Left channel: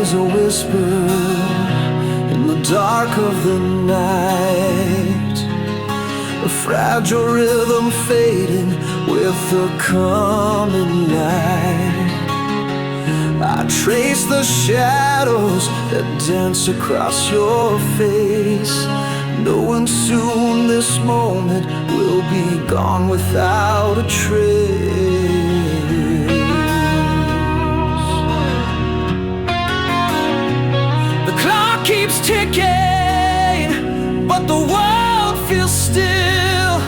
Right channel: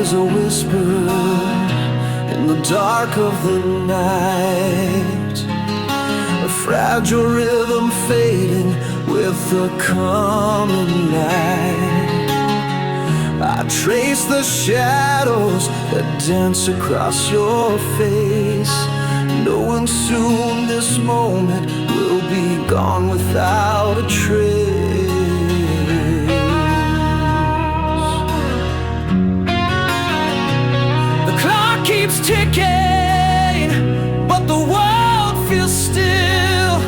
is a whisper in the dark of the night, a fragile rhythm fading with the coming light. I trace the shadows that dance across your face, knowing soon this moment will be gone without a trace. The clock keeps ticking, but the world feels still,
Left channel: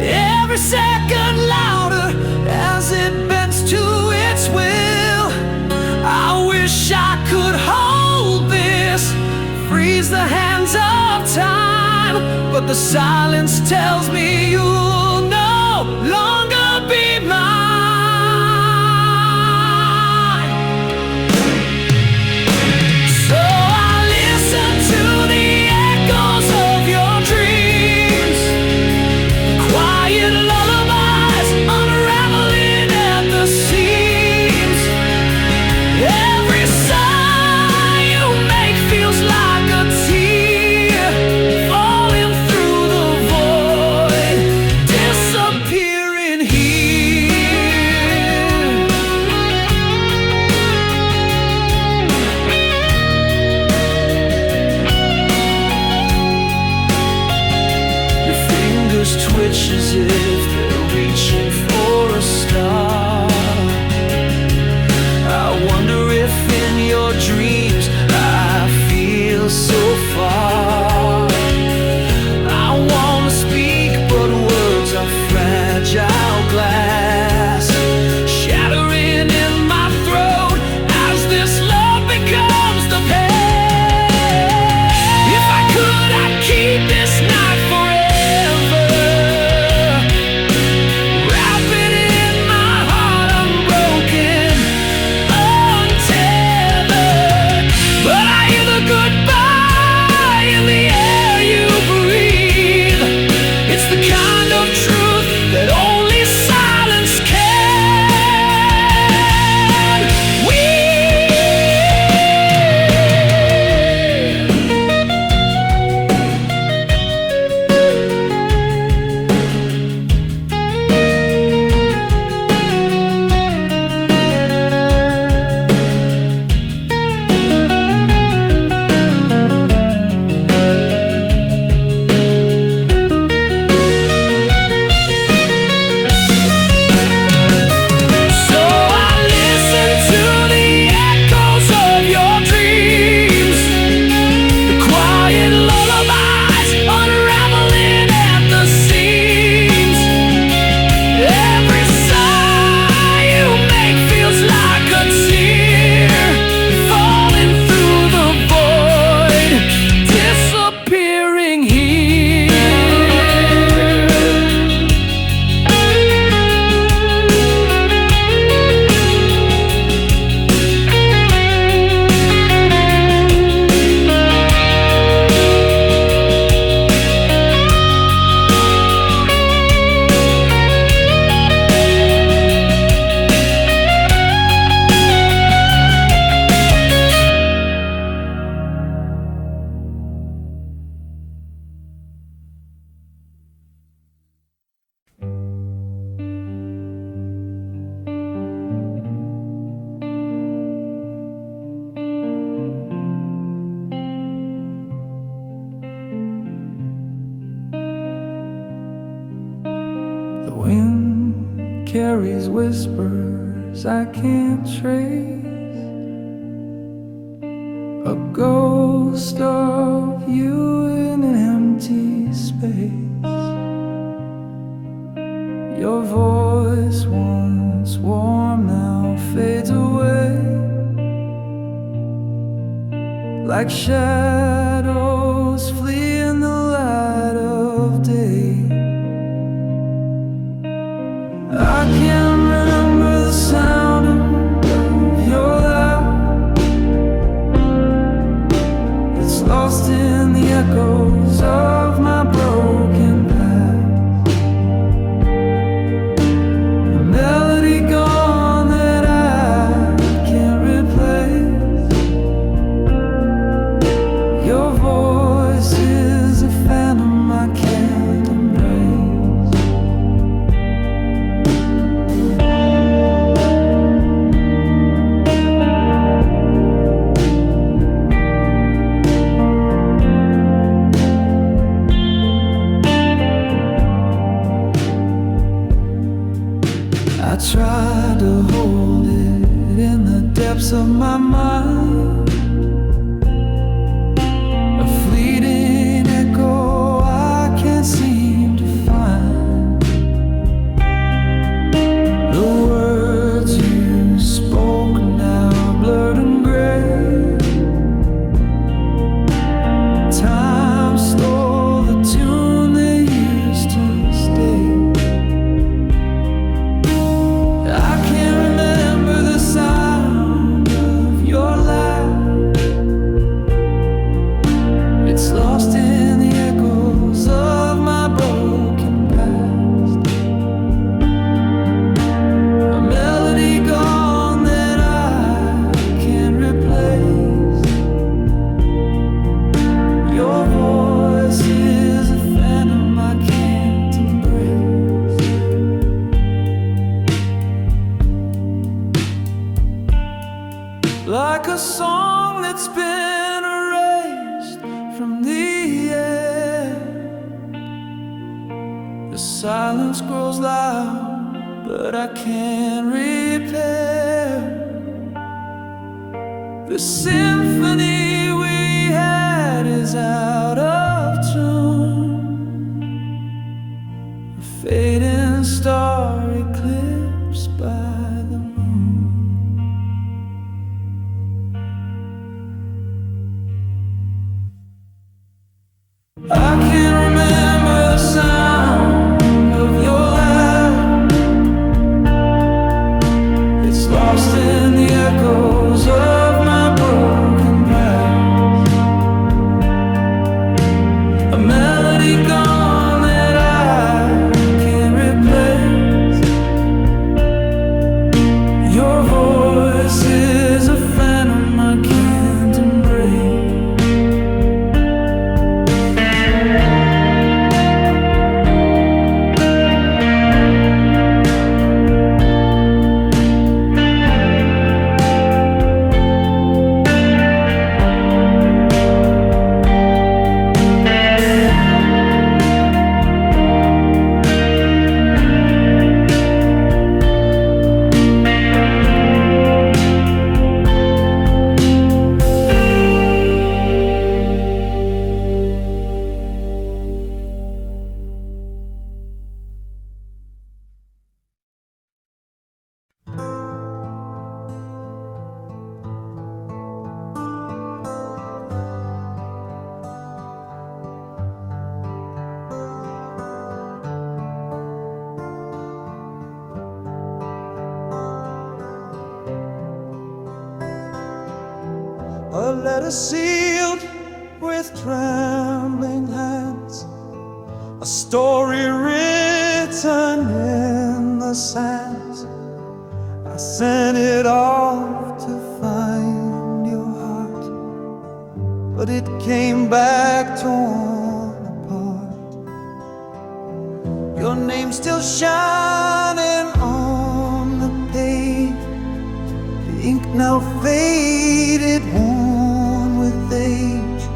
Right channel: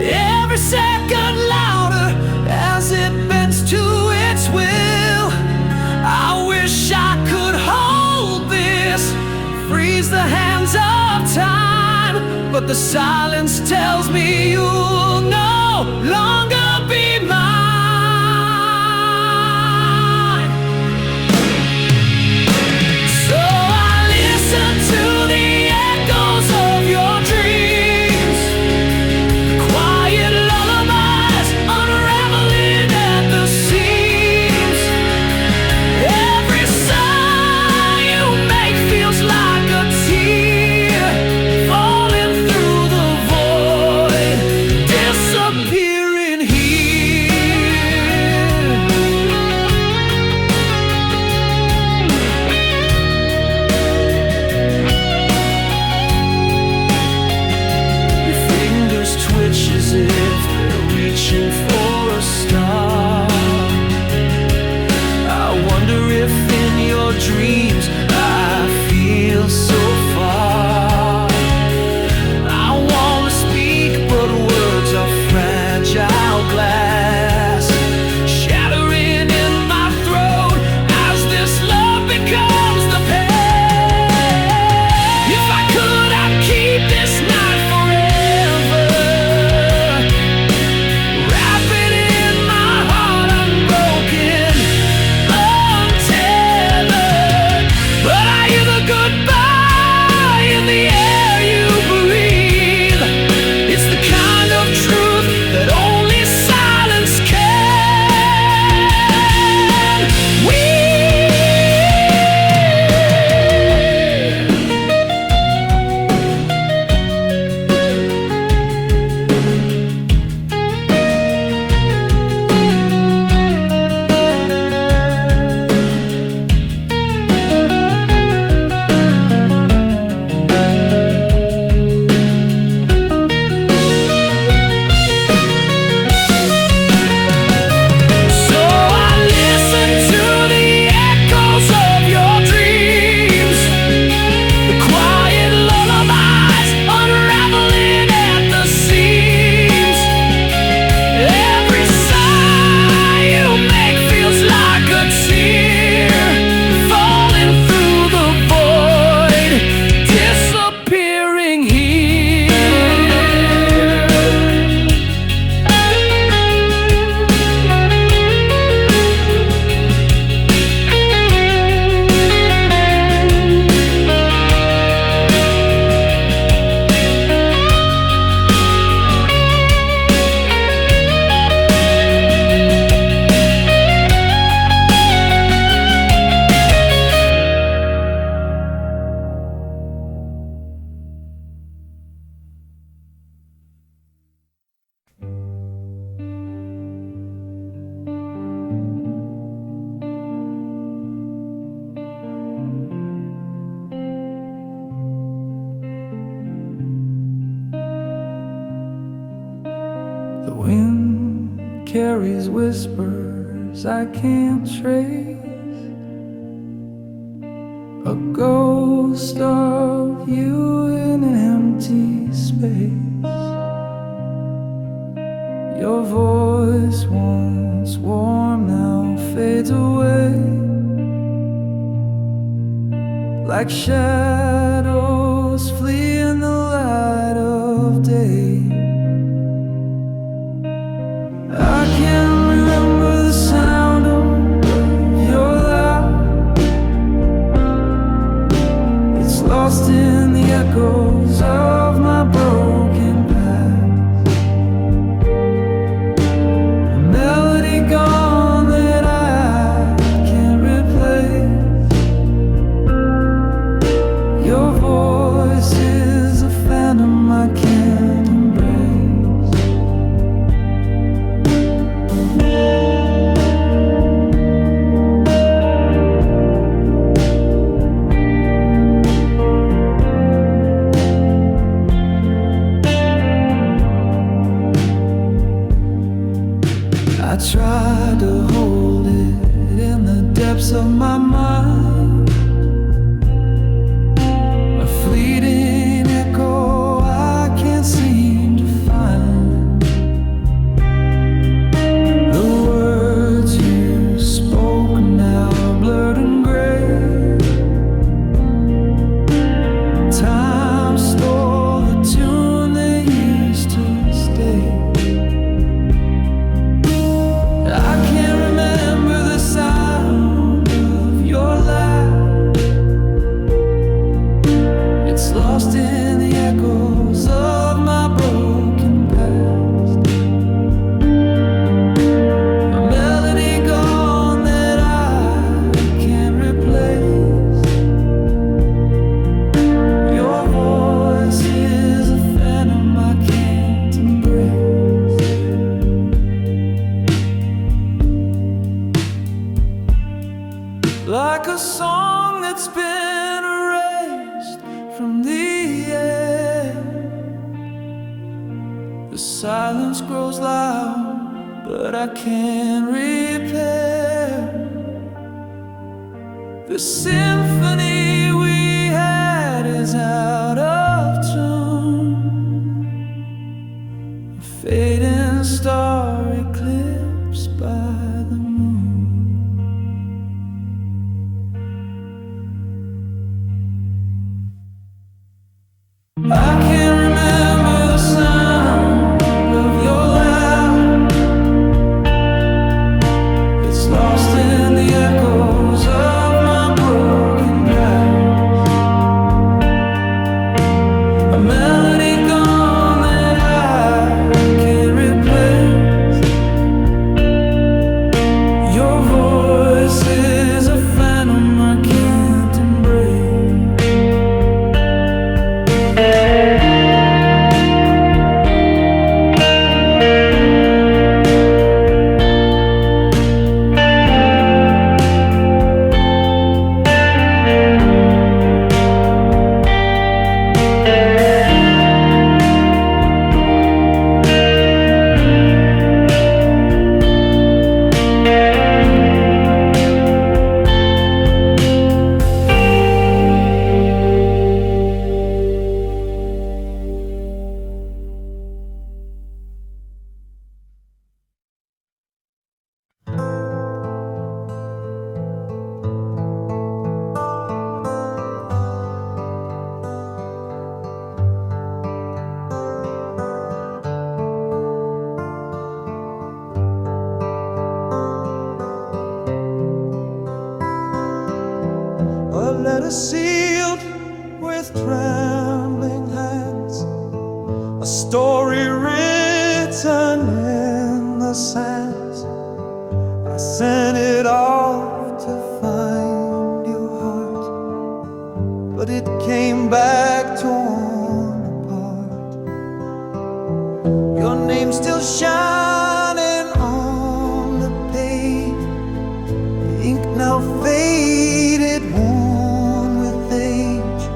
every second louder as it bends to its will. I wish I could hold this, freeze the hands of time, but the silence tells me you'll no longer be mine. So I listen to the echoes of your dreams, quiet lullabies unraveling at the seams. Every sigh you make feels like a tear falling through the void, disappearing here. Your fingers twitch as if they're reaching for a star. I wonder if in your dreams I feel so far. I want to speak, but words are fragile glass, shattering in my throat as this love becomes the pain. If I could, I'd keep this night forever, wrap it in my heart unbroken, untethered. But I hear the goodbye in the air you breathe. It's the kind of truth that only silence can. The wind carries whispers I can't trace, a ghost of you in an empty space. Your voice, once warm, now fades away, like shadows flee in the light of day. I can't remember the sound of your laugh. It's lost in the echoes of my broken past, a melody gone that I can't replace. Your voice is a phantom I can't embrace. I tried to hold it in the depths of my mind, a fleeting echo I can't seem to find. The words you spoke now blurred and gray. Time stole the tune they used to stay. I can't remember the sound of your laugh. It's lost in the echoes of my broken past. A melody gone that I can't replace. Your voice is a phantom I can't embrace. Like a song that's been erased from the air, the silence grows loud, but I can't repair the symphony we had is out of tune. A fading star eclipsed by the moon. I can't remember the sound of your laugh. It's lost in the echoes of my broken past. A melody gone that I can't replace. Your voice is a phantom I can't embrace. A letter sealed with trembling hands, a story written in the sands. I sent it off to find your heart, but it came back torn apart. Your name still shining on the page, the ink now faded, worn with age.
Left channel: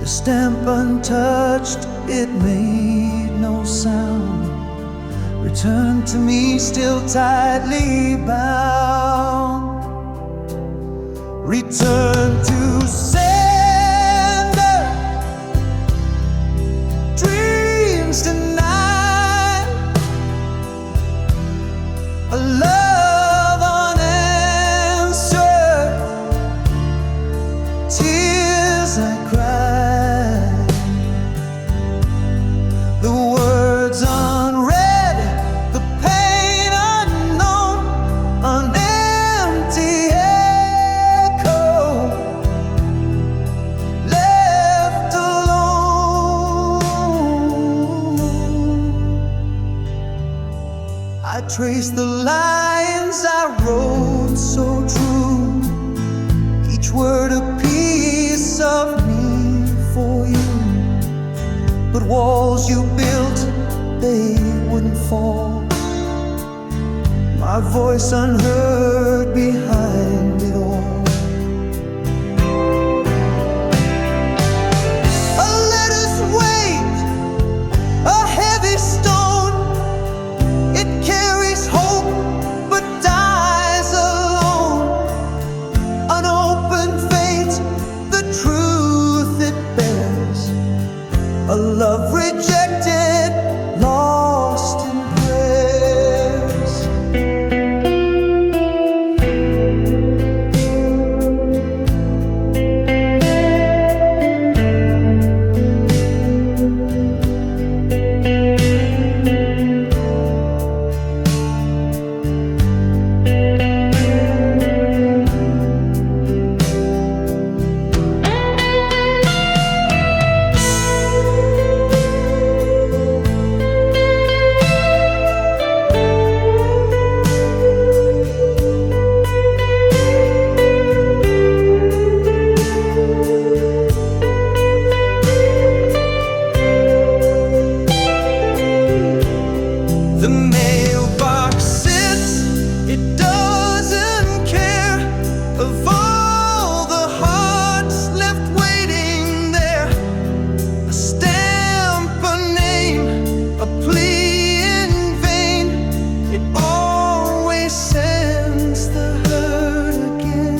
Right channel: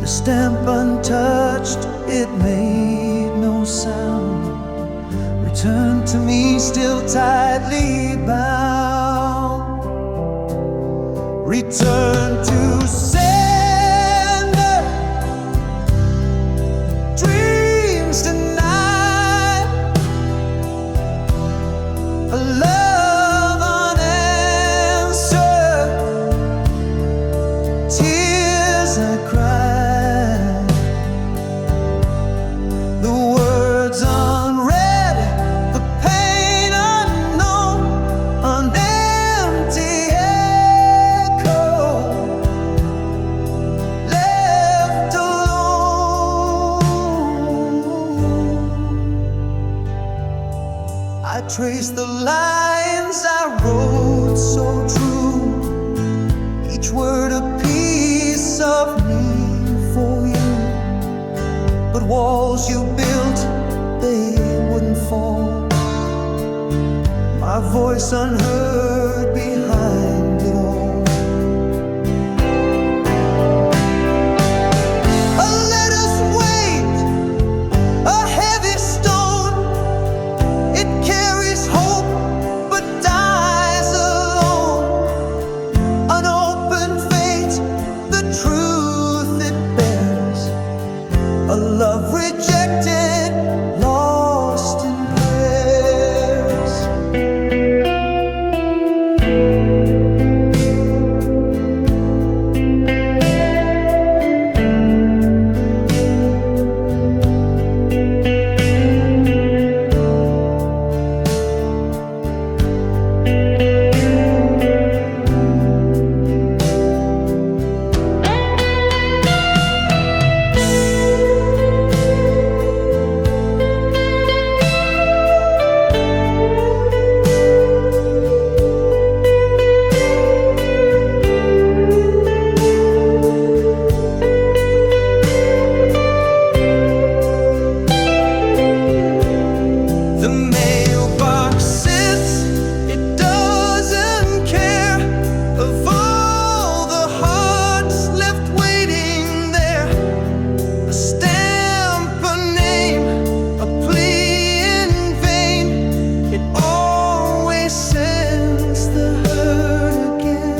The stamp untouched, it made no sound. Return to me still tightly bound. Return to sender, dreams tonight, a love unanswered, tears I cried, the words unread, the pain unknown, an empty echo, left alone. I traced the lines I wrote so true, each word a piece of me. walls you built, they wouldn't fall. My voice unheard behind it all. Let us weight, a heavy stone. It carries hope but dies alone. An open fate, the truth it bears. A love rejected, lost in prayers. The mailbox sits, it doesn't care of all the hearts left waiting there. A stamp, a name, a plea in vain. It always sends the hurt again.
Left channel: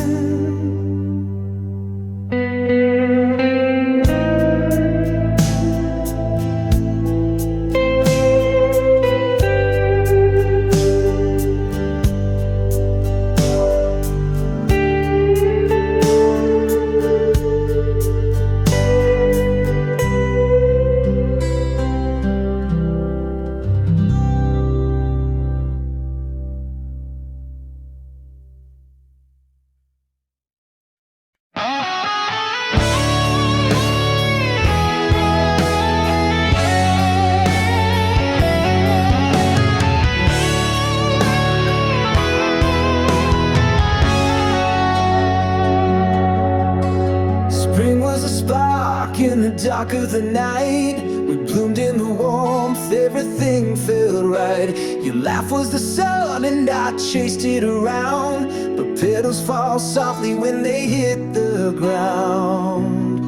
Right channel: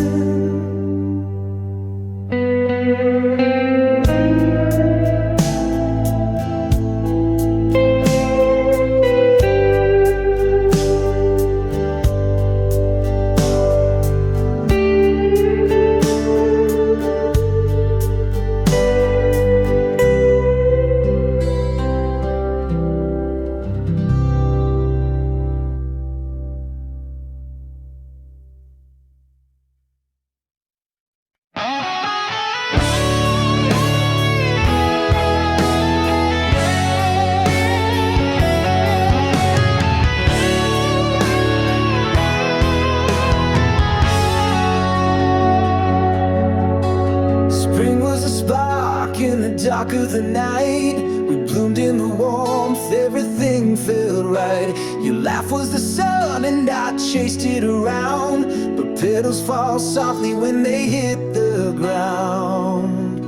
Spring was a spark in the dark of the night. We bloomed in the warmth, everything felt right. Your laugh was the sun and I chased it around. But petals fall softly when they hit the ground.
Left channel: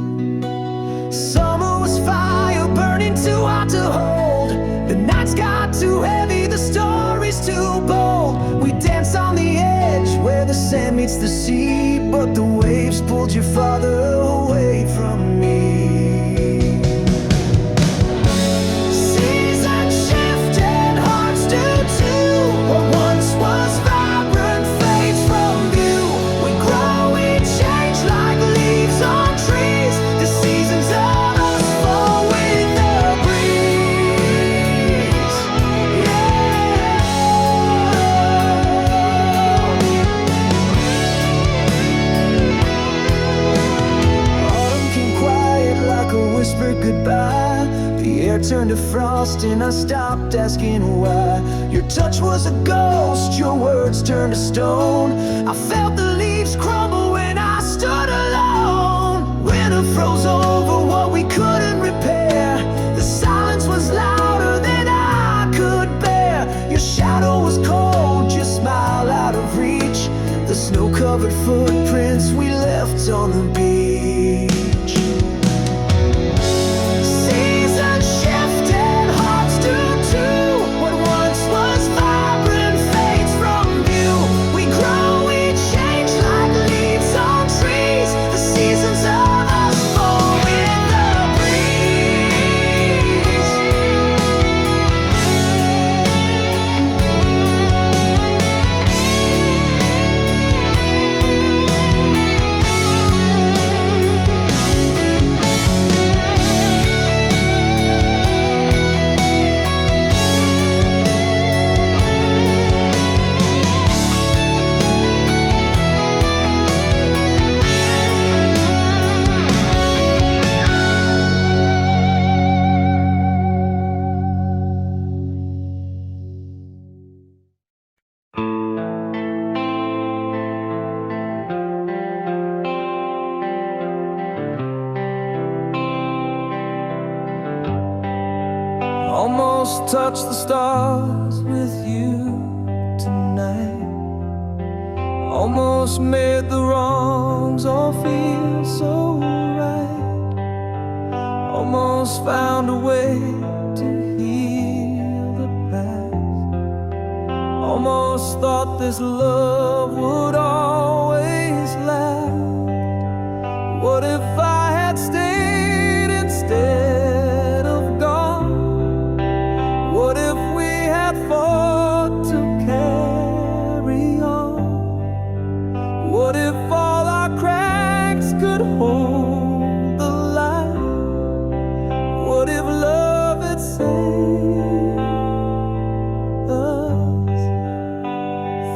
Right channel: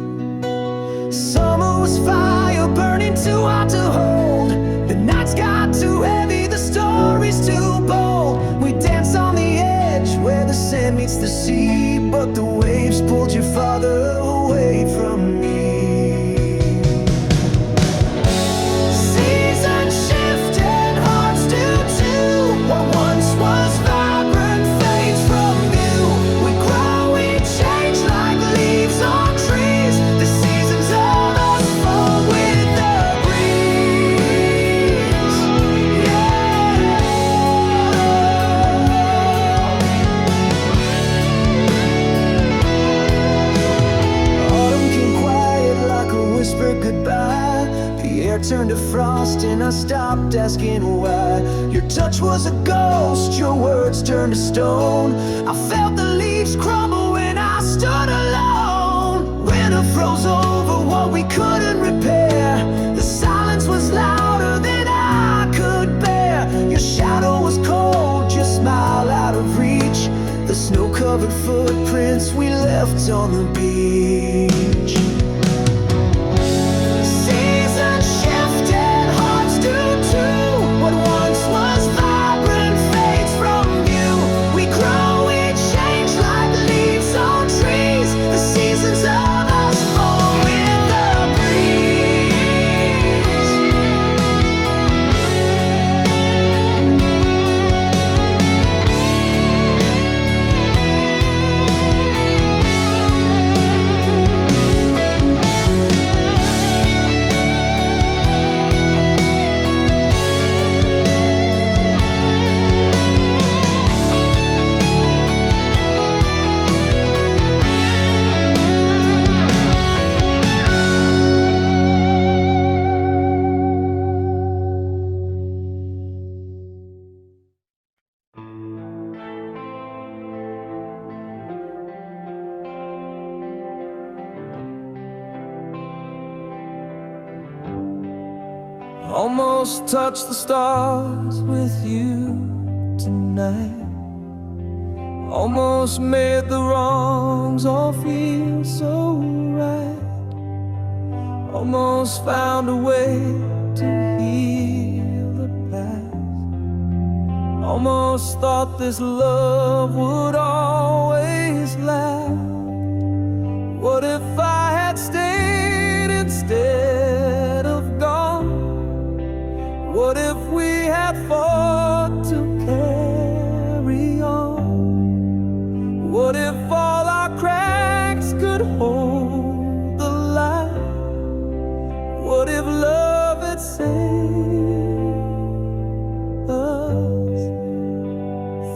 Summer was fire burning too hot to hold. The nights got too heavy, the stories too bold. We danced on the edge where the sand meets the sea, but the waves pulled you farther away from me. Seasons shift and hearts do too. What once was vibrant fades from view. We grow, we change like leaves on trees. The seasons of us fall with the breeze. Autumn came quiet like a whispered goodbye. The air turned to frost and I stopped asking why. Your touch was a ghost, your words turned to stone. I felt the leaves crumble when I stood alone. Winter froze over what we couldn't repair. The silence was louder than I could bear. Your shadow was cold, your smile out of reach. The snow-covered footprints we left on the beach. Seasons shift and hearts do too. What once was vibrant fades from view. We grow, we change like leaves on trees. The seasons of us fall with the breeze. Almost touched the stars with you tonight. Almost made the wrongs all feel so right. Almost found a way to heal the past. Almost thought this love would always last. What if I had stayed instead of gone? What if we had fought to carry on? What if all our cracks could hold the light? What if love had saved us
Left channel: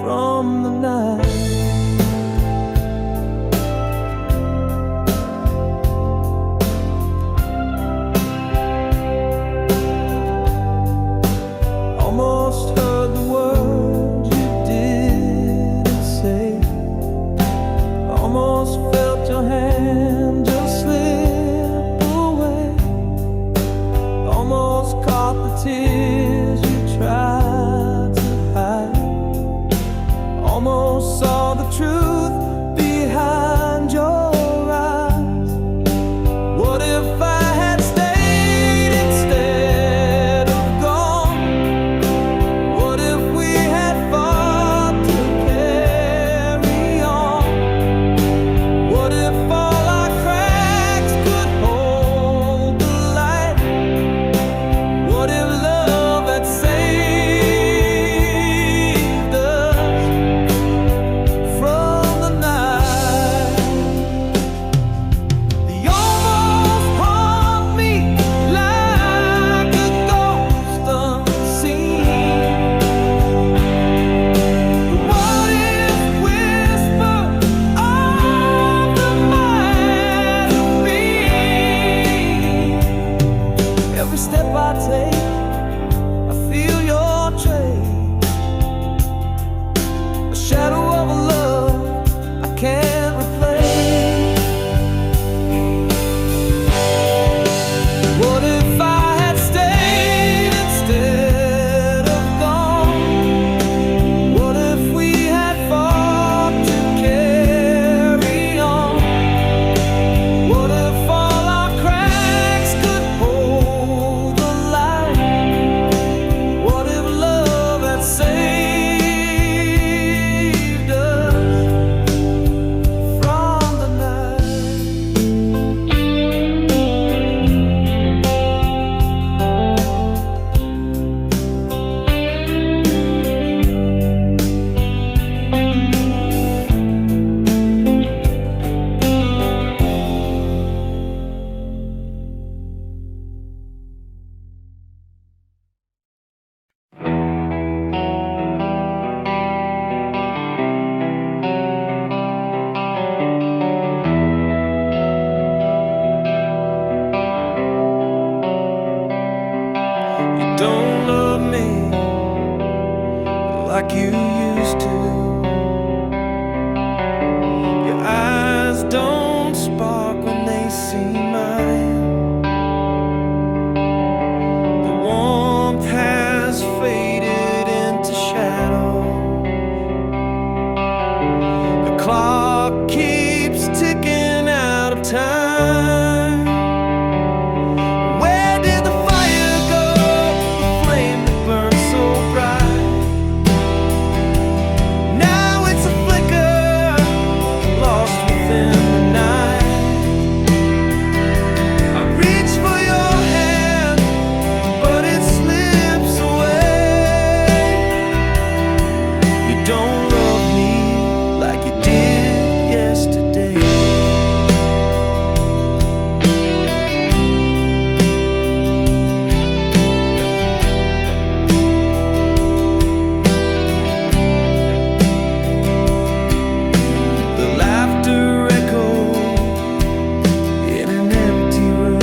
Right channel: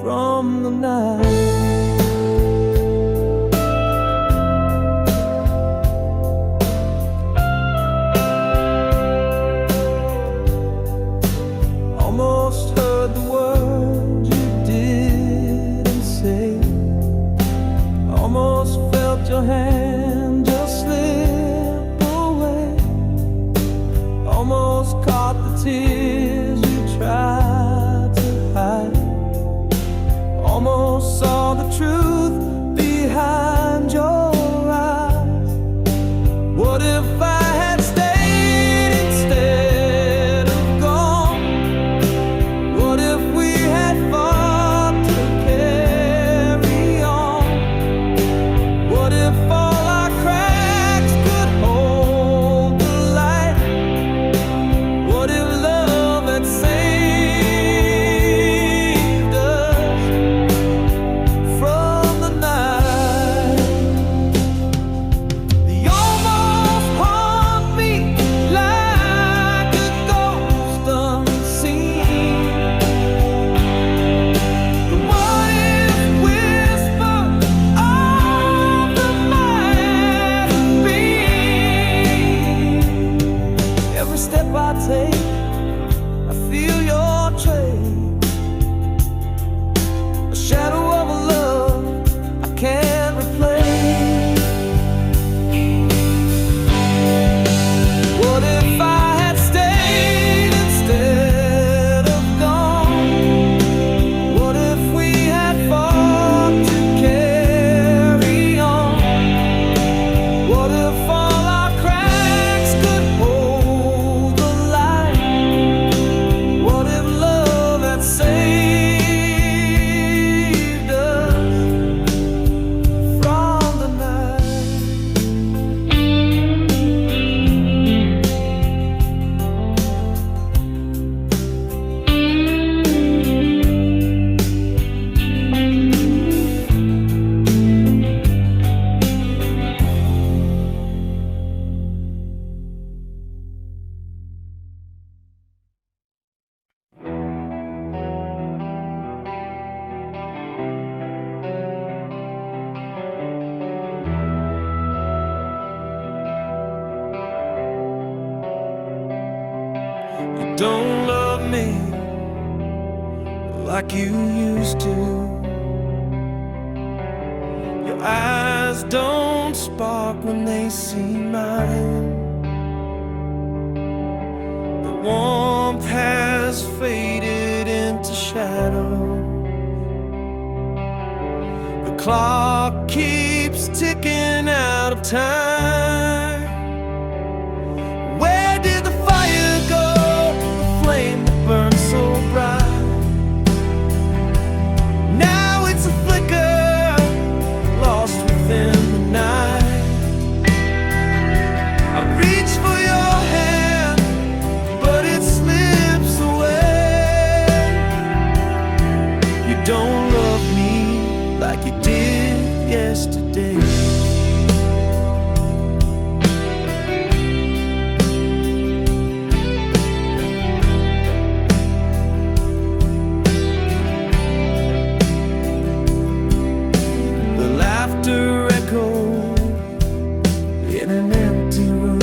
from the night? Almost heard the word you didn't say. Almost felt your hand just slip away. Almost caught the tears you tried to hide. Almost saw the truth behind your eyes. What if I had stayed instead of gone? What if we had fought to carry on? What if all our cracks could hold the light? What if love had saved us from the night? They almost haunt me like a ghost unseen. The what if whisper of the might have been. Every step I take, I feel your trace. A shadow of a love I can't replace. What if I had stayed instead of gone? What if we had fought to carry on? What if all our cracks could hold the light? What if love had saved us from the night? You don't love me like you used to. Your eyes don't spark when they see mine. The warmth has faded into shadow. The clock keeps ticking out of time. Where did the fire go? The flame that burned so bright. Now it's a flicker, lost within the night. I reach for your hand, but it slips away. You don't love me like you did yesterday. The laughter echoed in an empty room.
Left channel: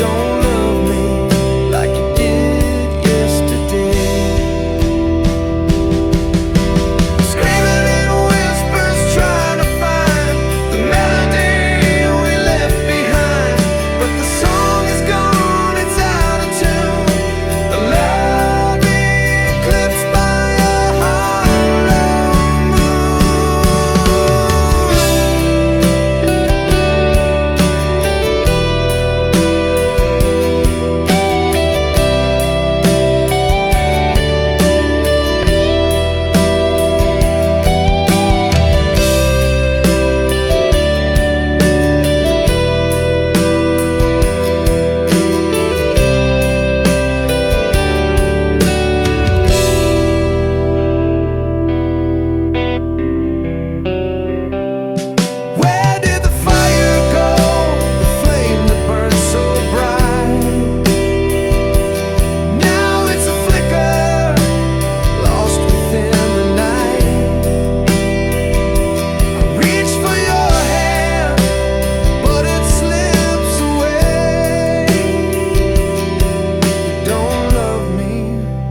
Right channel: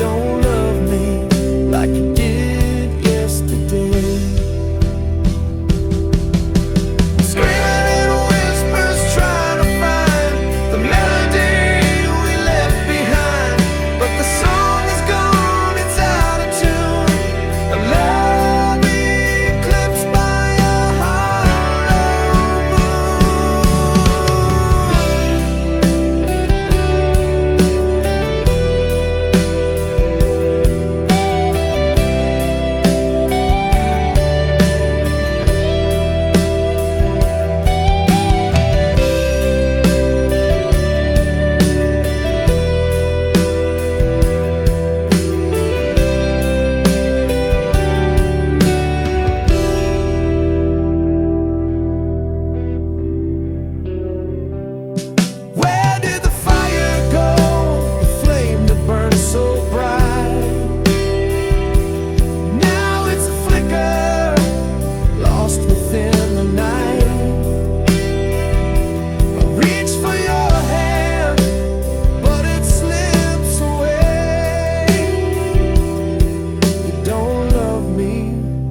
don't love me like you did yesterday. Screaming in whispers, trying to find the melody we left behind, but the song is gone, it's out of tune. The love eclipsed by a hollow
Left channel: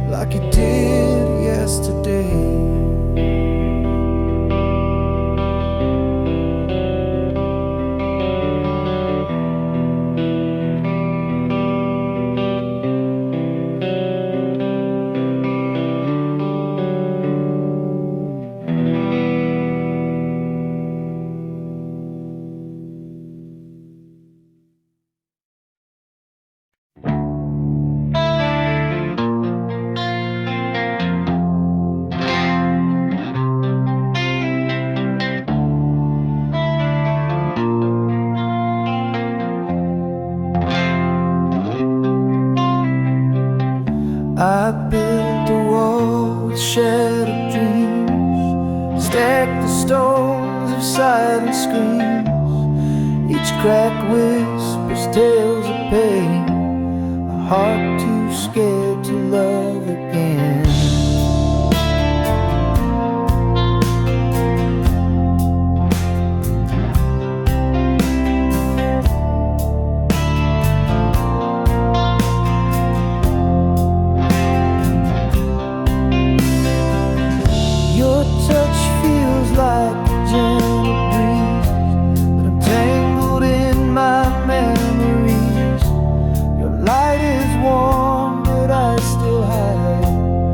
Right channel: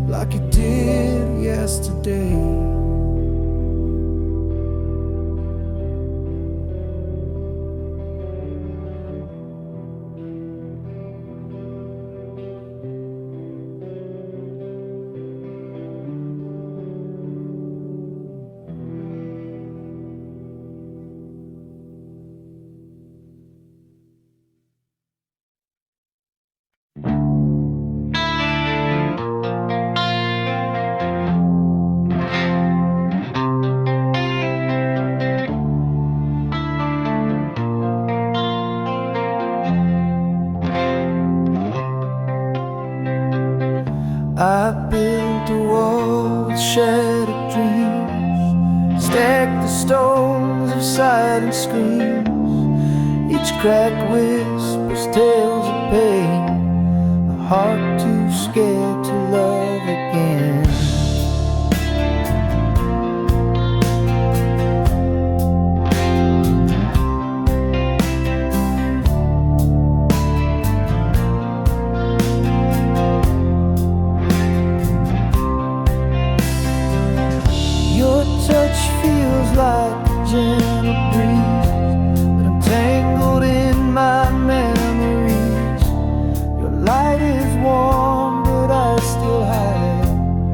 like you did yesterday. I built a wall with shattered dreams, stacked the stones of silent screams. Each crack whispers tales of pain, a heart too scared to love again. Your touch feels like a gentle breeze, but I'm tangled in my memories. Your light is warm, but I still hide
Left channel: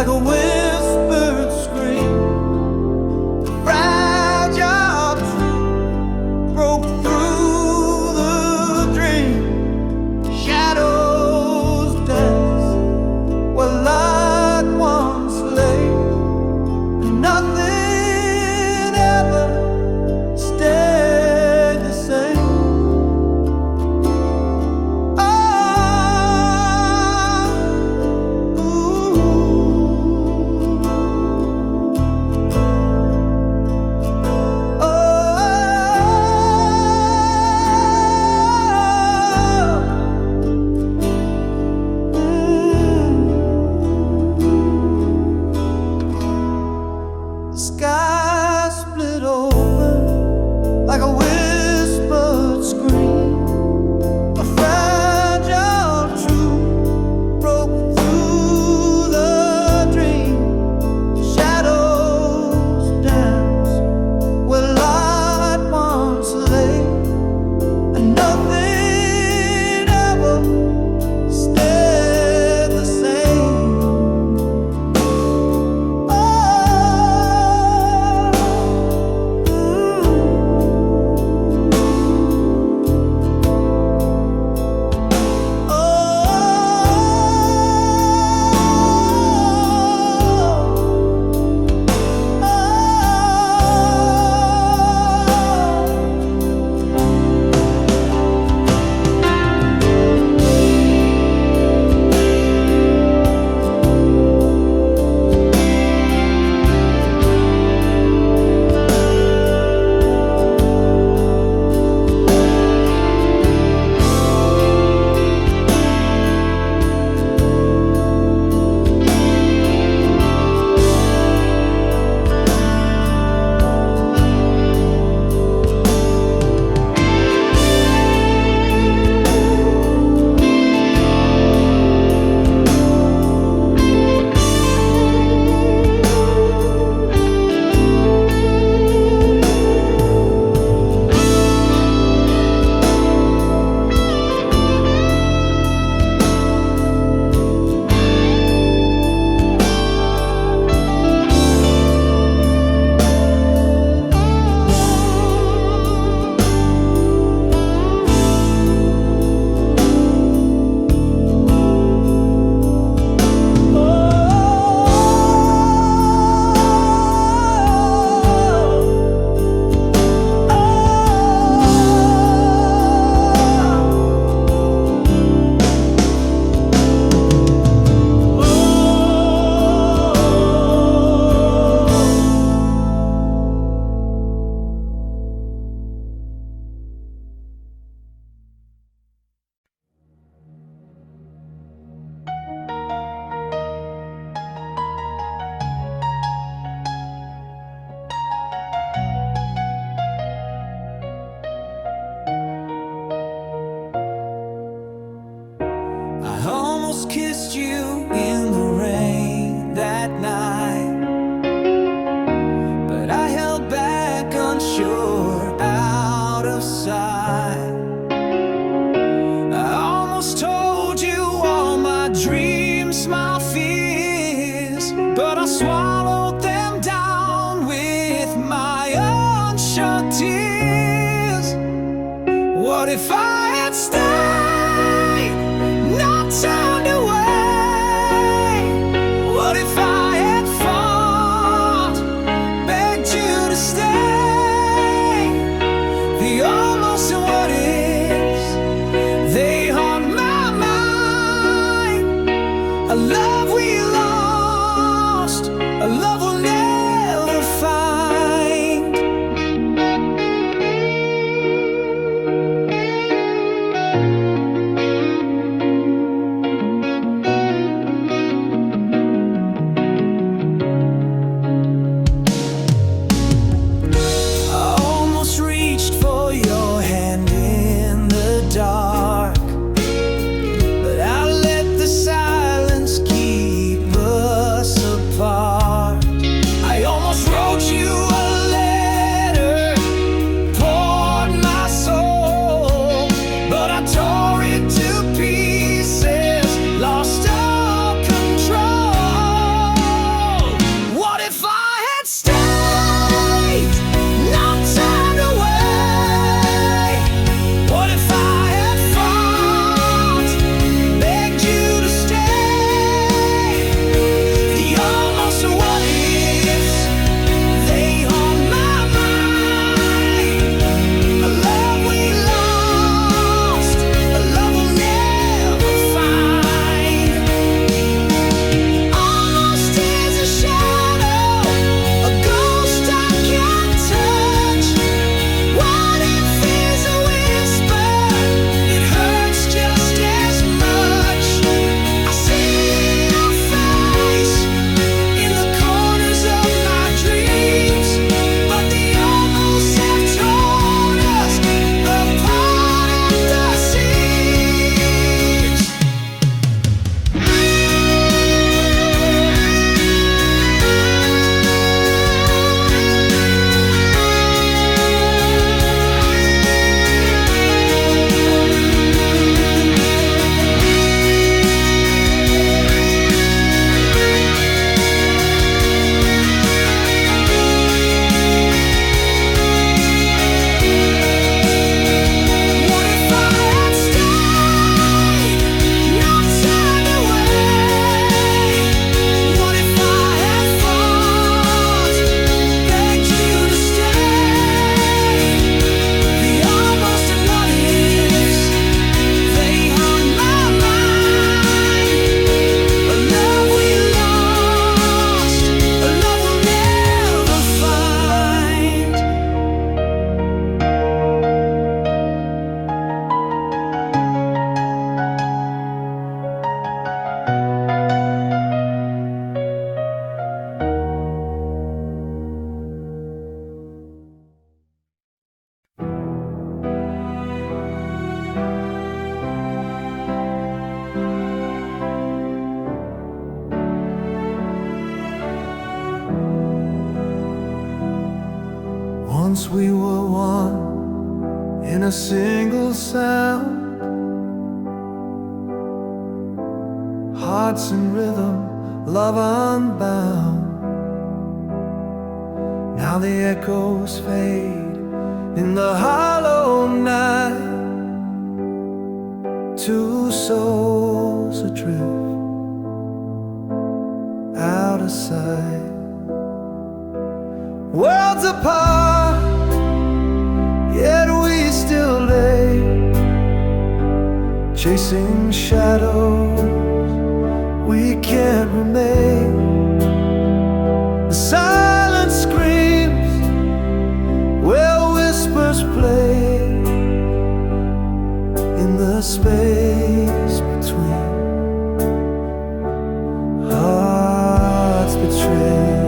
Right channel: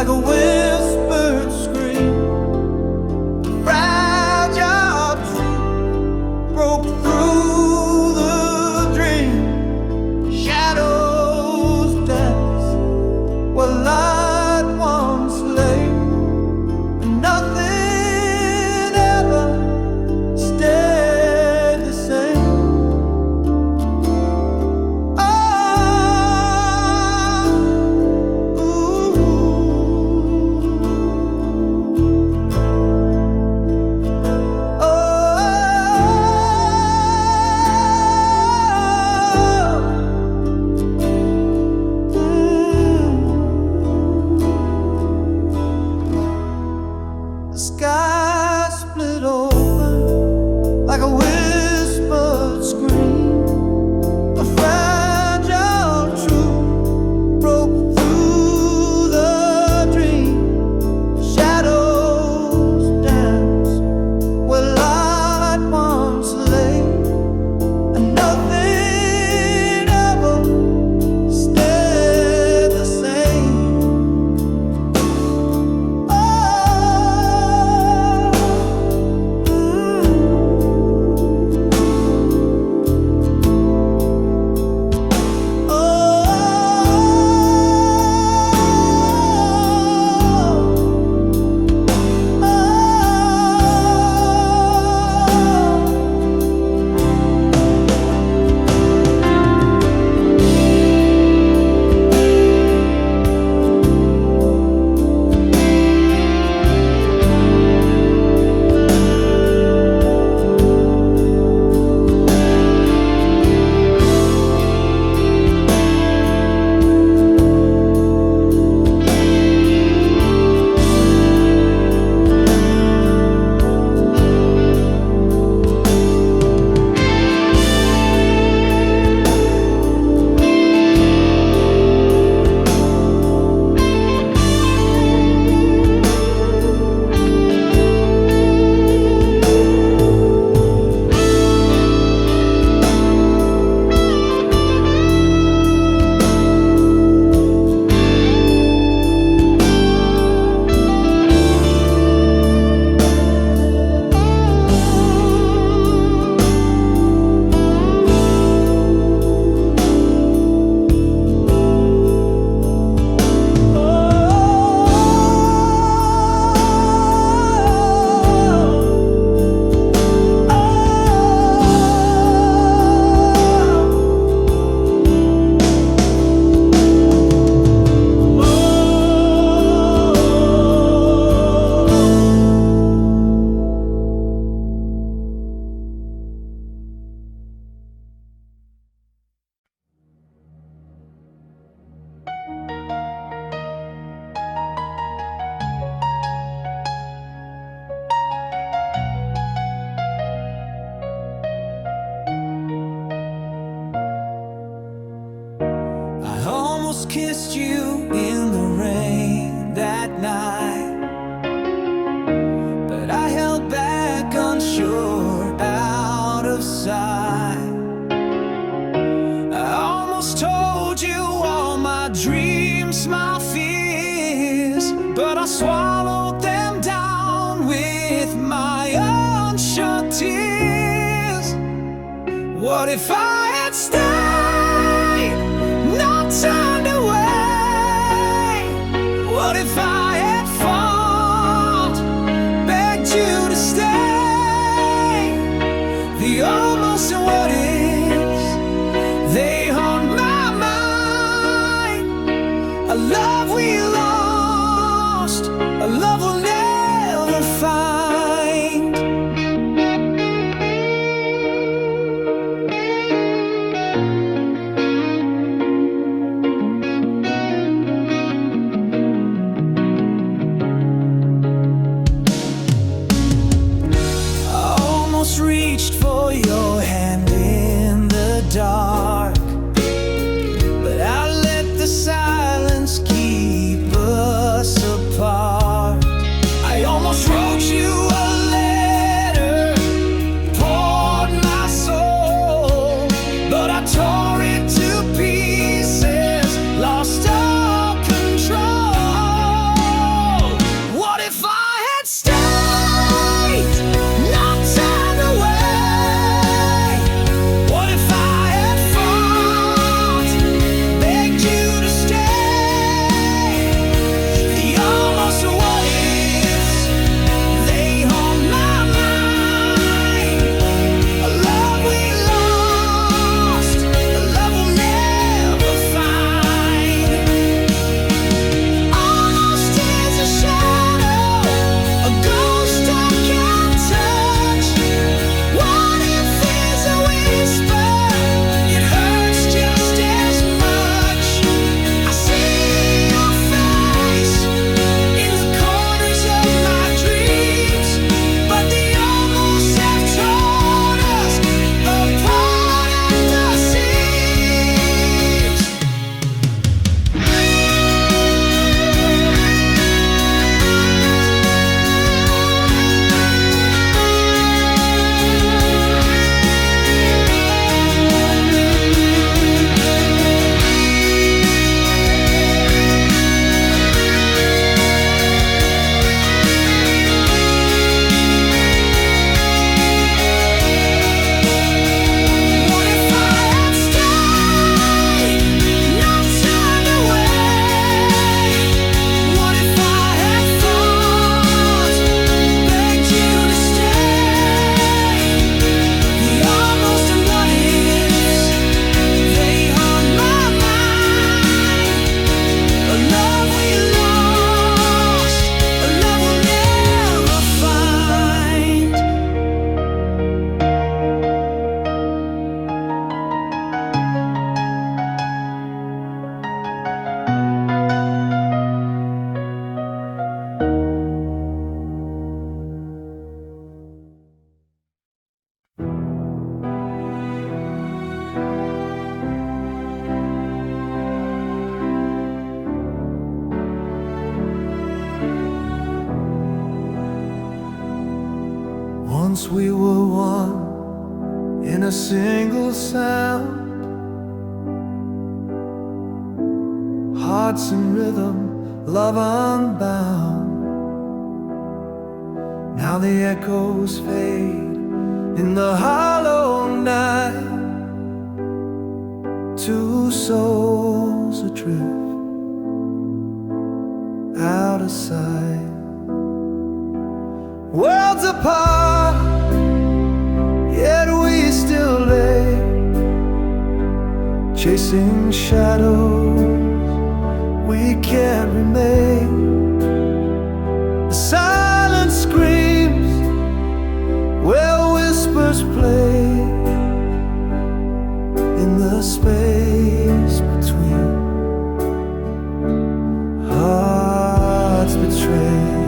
like a whispered scream. Fragile truth broke through the dream. Shadows dance where light once lay, and nothing ever stayed the same. Sky split open like a whispered scream. A fragile truth broke through the dream. Shadows dance where light once lay, and nothing ever stayed the same. I almost kissed you in the rain that night, but I held back unsure, out of sight. I almost told you all my dreams, my fears, but I swallowed them down with my unshut tears. What if I had stayed, not turned away? What if I had fought, begged you to stay? The almost and what ifs, they haunt my mind. A love we lost, a love we'll never find. Reached for your hand in the dark, but I let the silence keep us apart. Once we were one in a single sound, hearts in rhythm, love unbound. Now the echoes fade in the hollow night, two souls adrift out of sight. Worlds apart, yet we still lay, chasing shadows we can't remain. The silence screams where whispers play, in the space between hearts betrayed.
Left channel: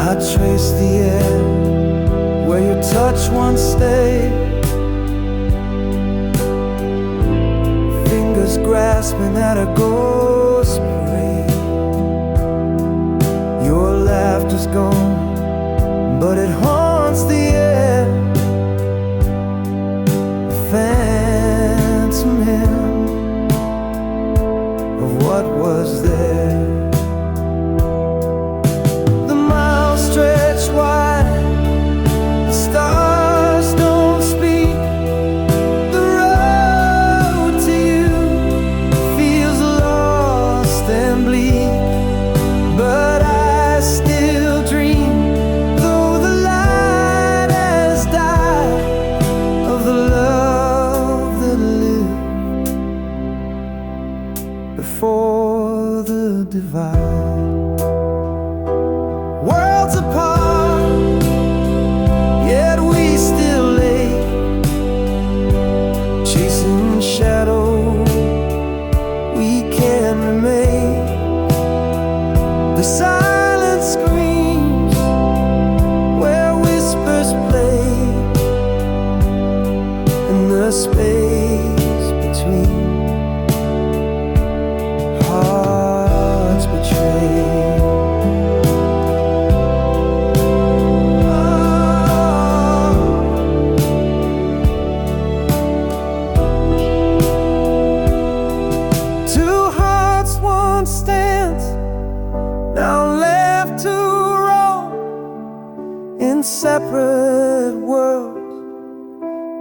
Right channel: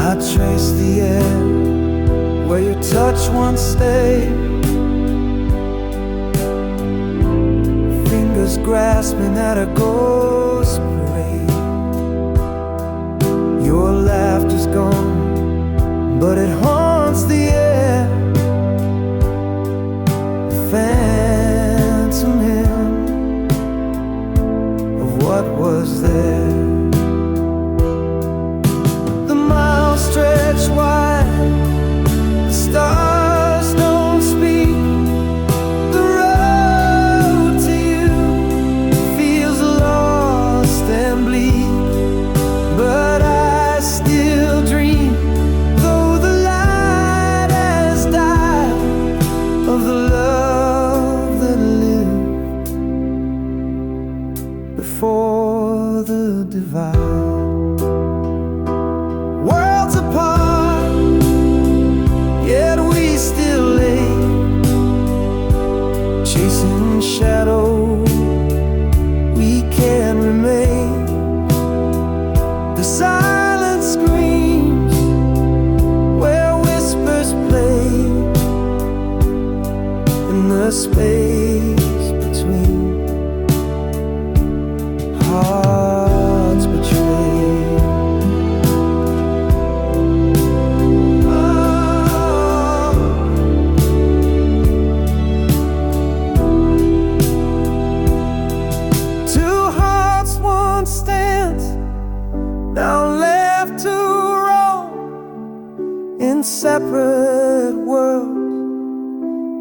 I trace the air where your touch once stayed, fingers grasping at a ghost parade. Your laughter's gone, but it haunts the air, a phantom hymn of what was there. Stretch wide, the stars don't speak. The road to you feels lost and bleak, but I still dream, though the light has died, of the love that lived before the divide. Worlds apart, yet we still lay, chasing shadows we can't remain. The silence screams where whispers play, in the space between hearts betrayed. Stands now left to roam in separate worlds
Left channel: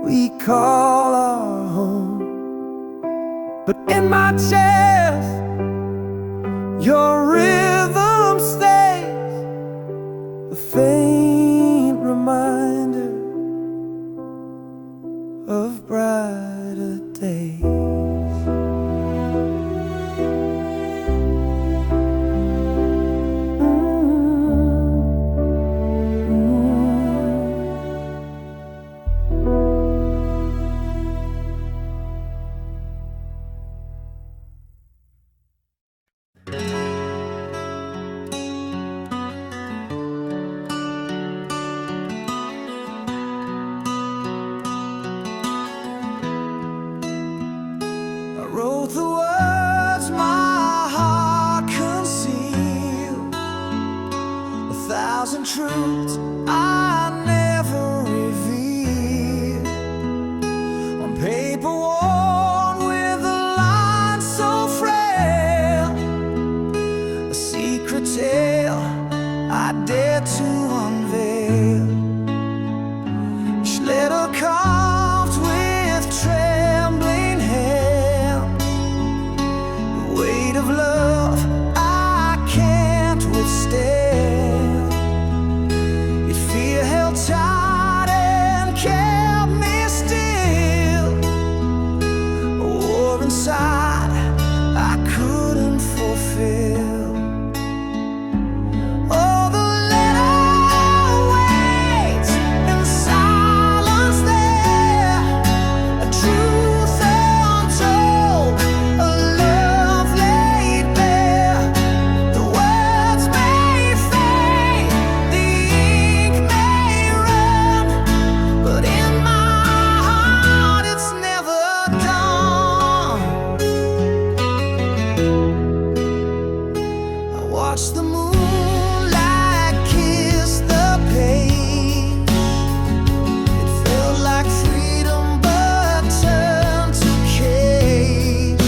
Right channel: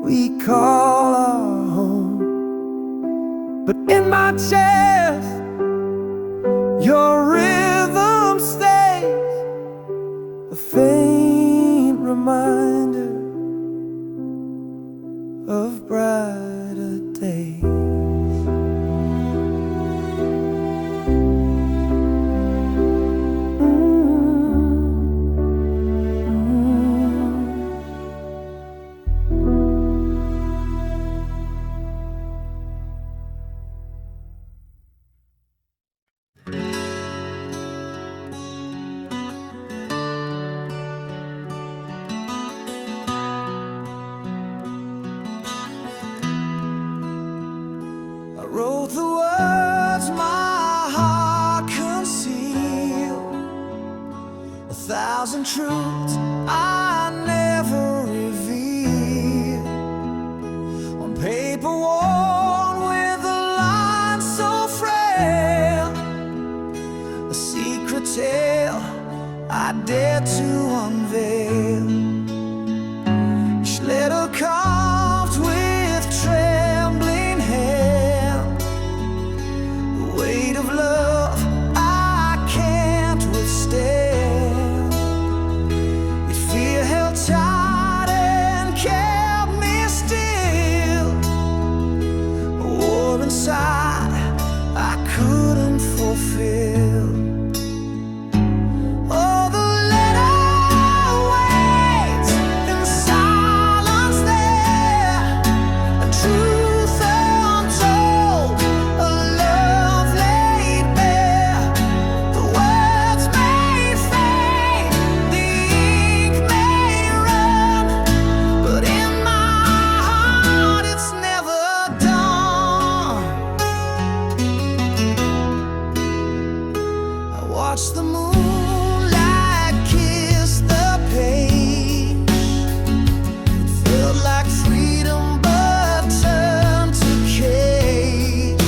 we call our home. But in my chest, your rhythm stays, a faint reminder of brighter days. I wrote the words my heart concealed, 1,000 truths I never revealed, on paper worn with a line so frail, a secret tale I dare to unveil. Each letter carved with trembling hand, the weight of love I can't withstand. Yet fear held tight and kept me still, a war inside I couldn't fulfill. Oh, the letter waits in silence there, a truth untold, a love laid bare. The words may fade, the ink may run, but in my heart it's never watched the moonlight kiss the page. It felt like freedom but turned to cage.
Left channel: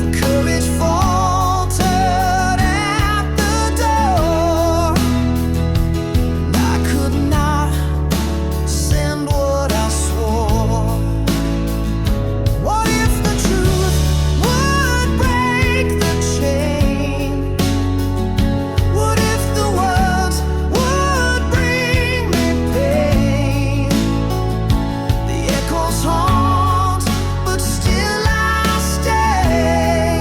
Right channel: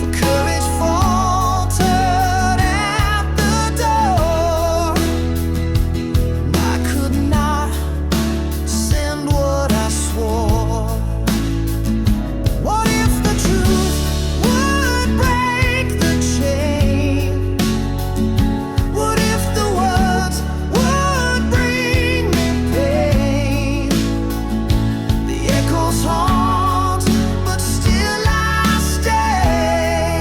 For courage faltered at the door, and I could not send what I swore. What if the truth would break the chain? What if the words would bring me pain? The echoes haunt, but still I stay.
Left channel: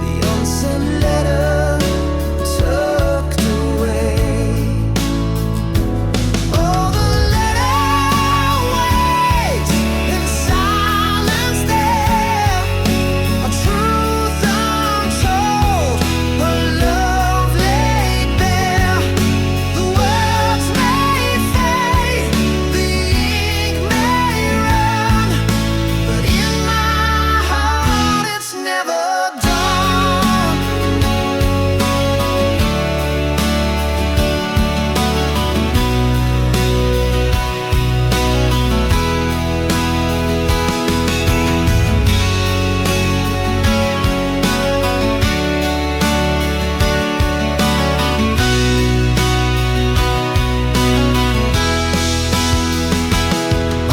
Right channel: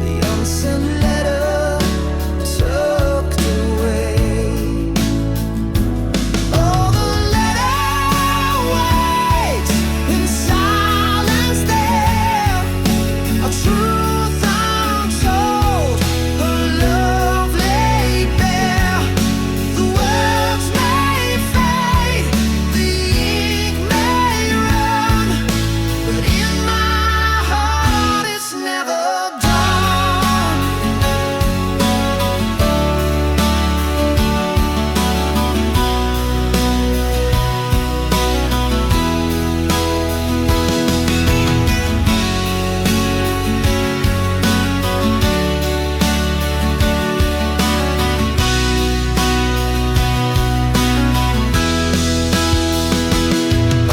The unsent letter tucked away. Oh, the letter waits in silence there, a truth untold, a love laid bare. The words may fade, the ink may run, but in my heart it's never done.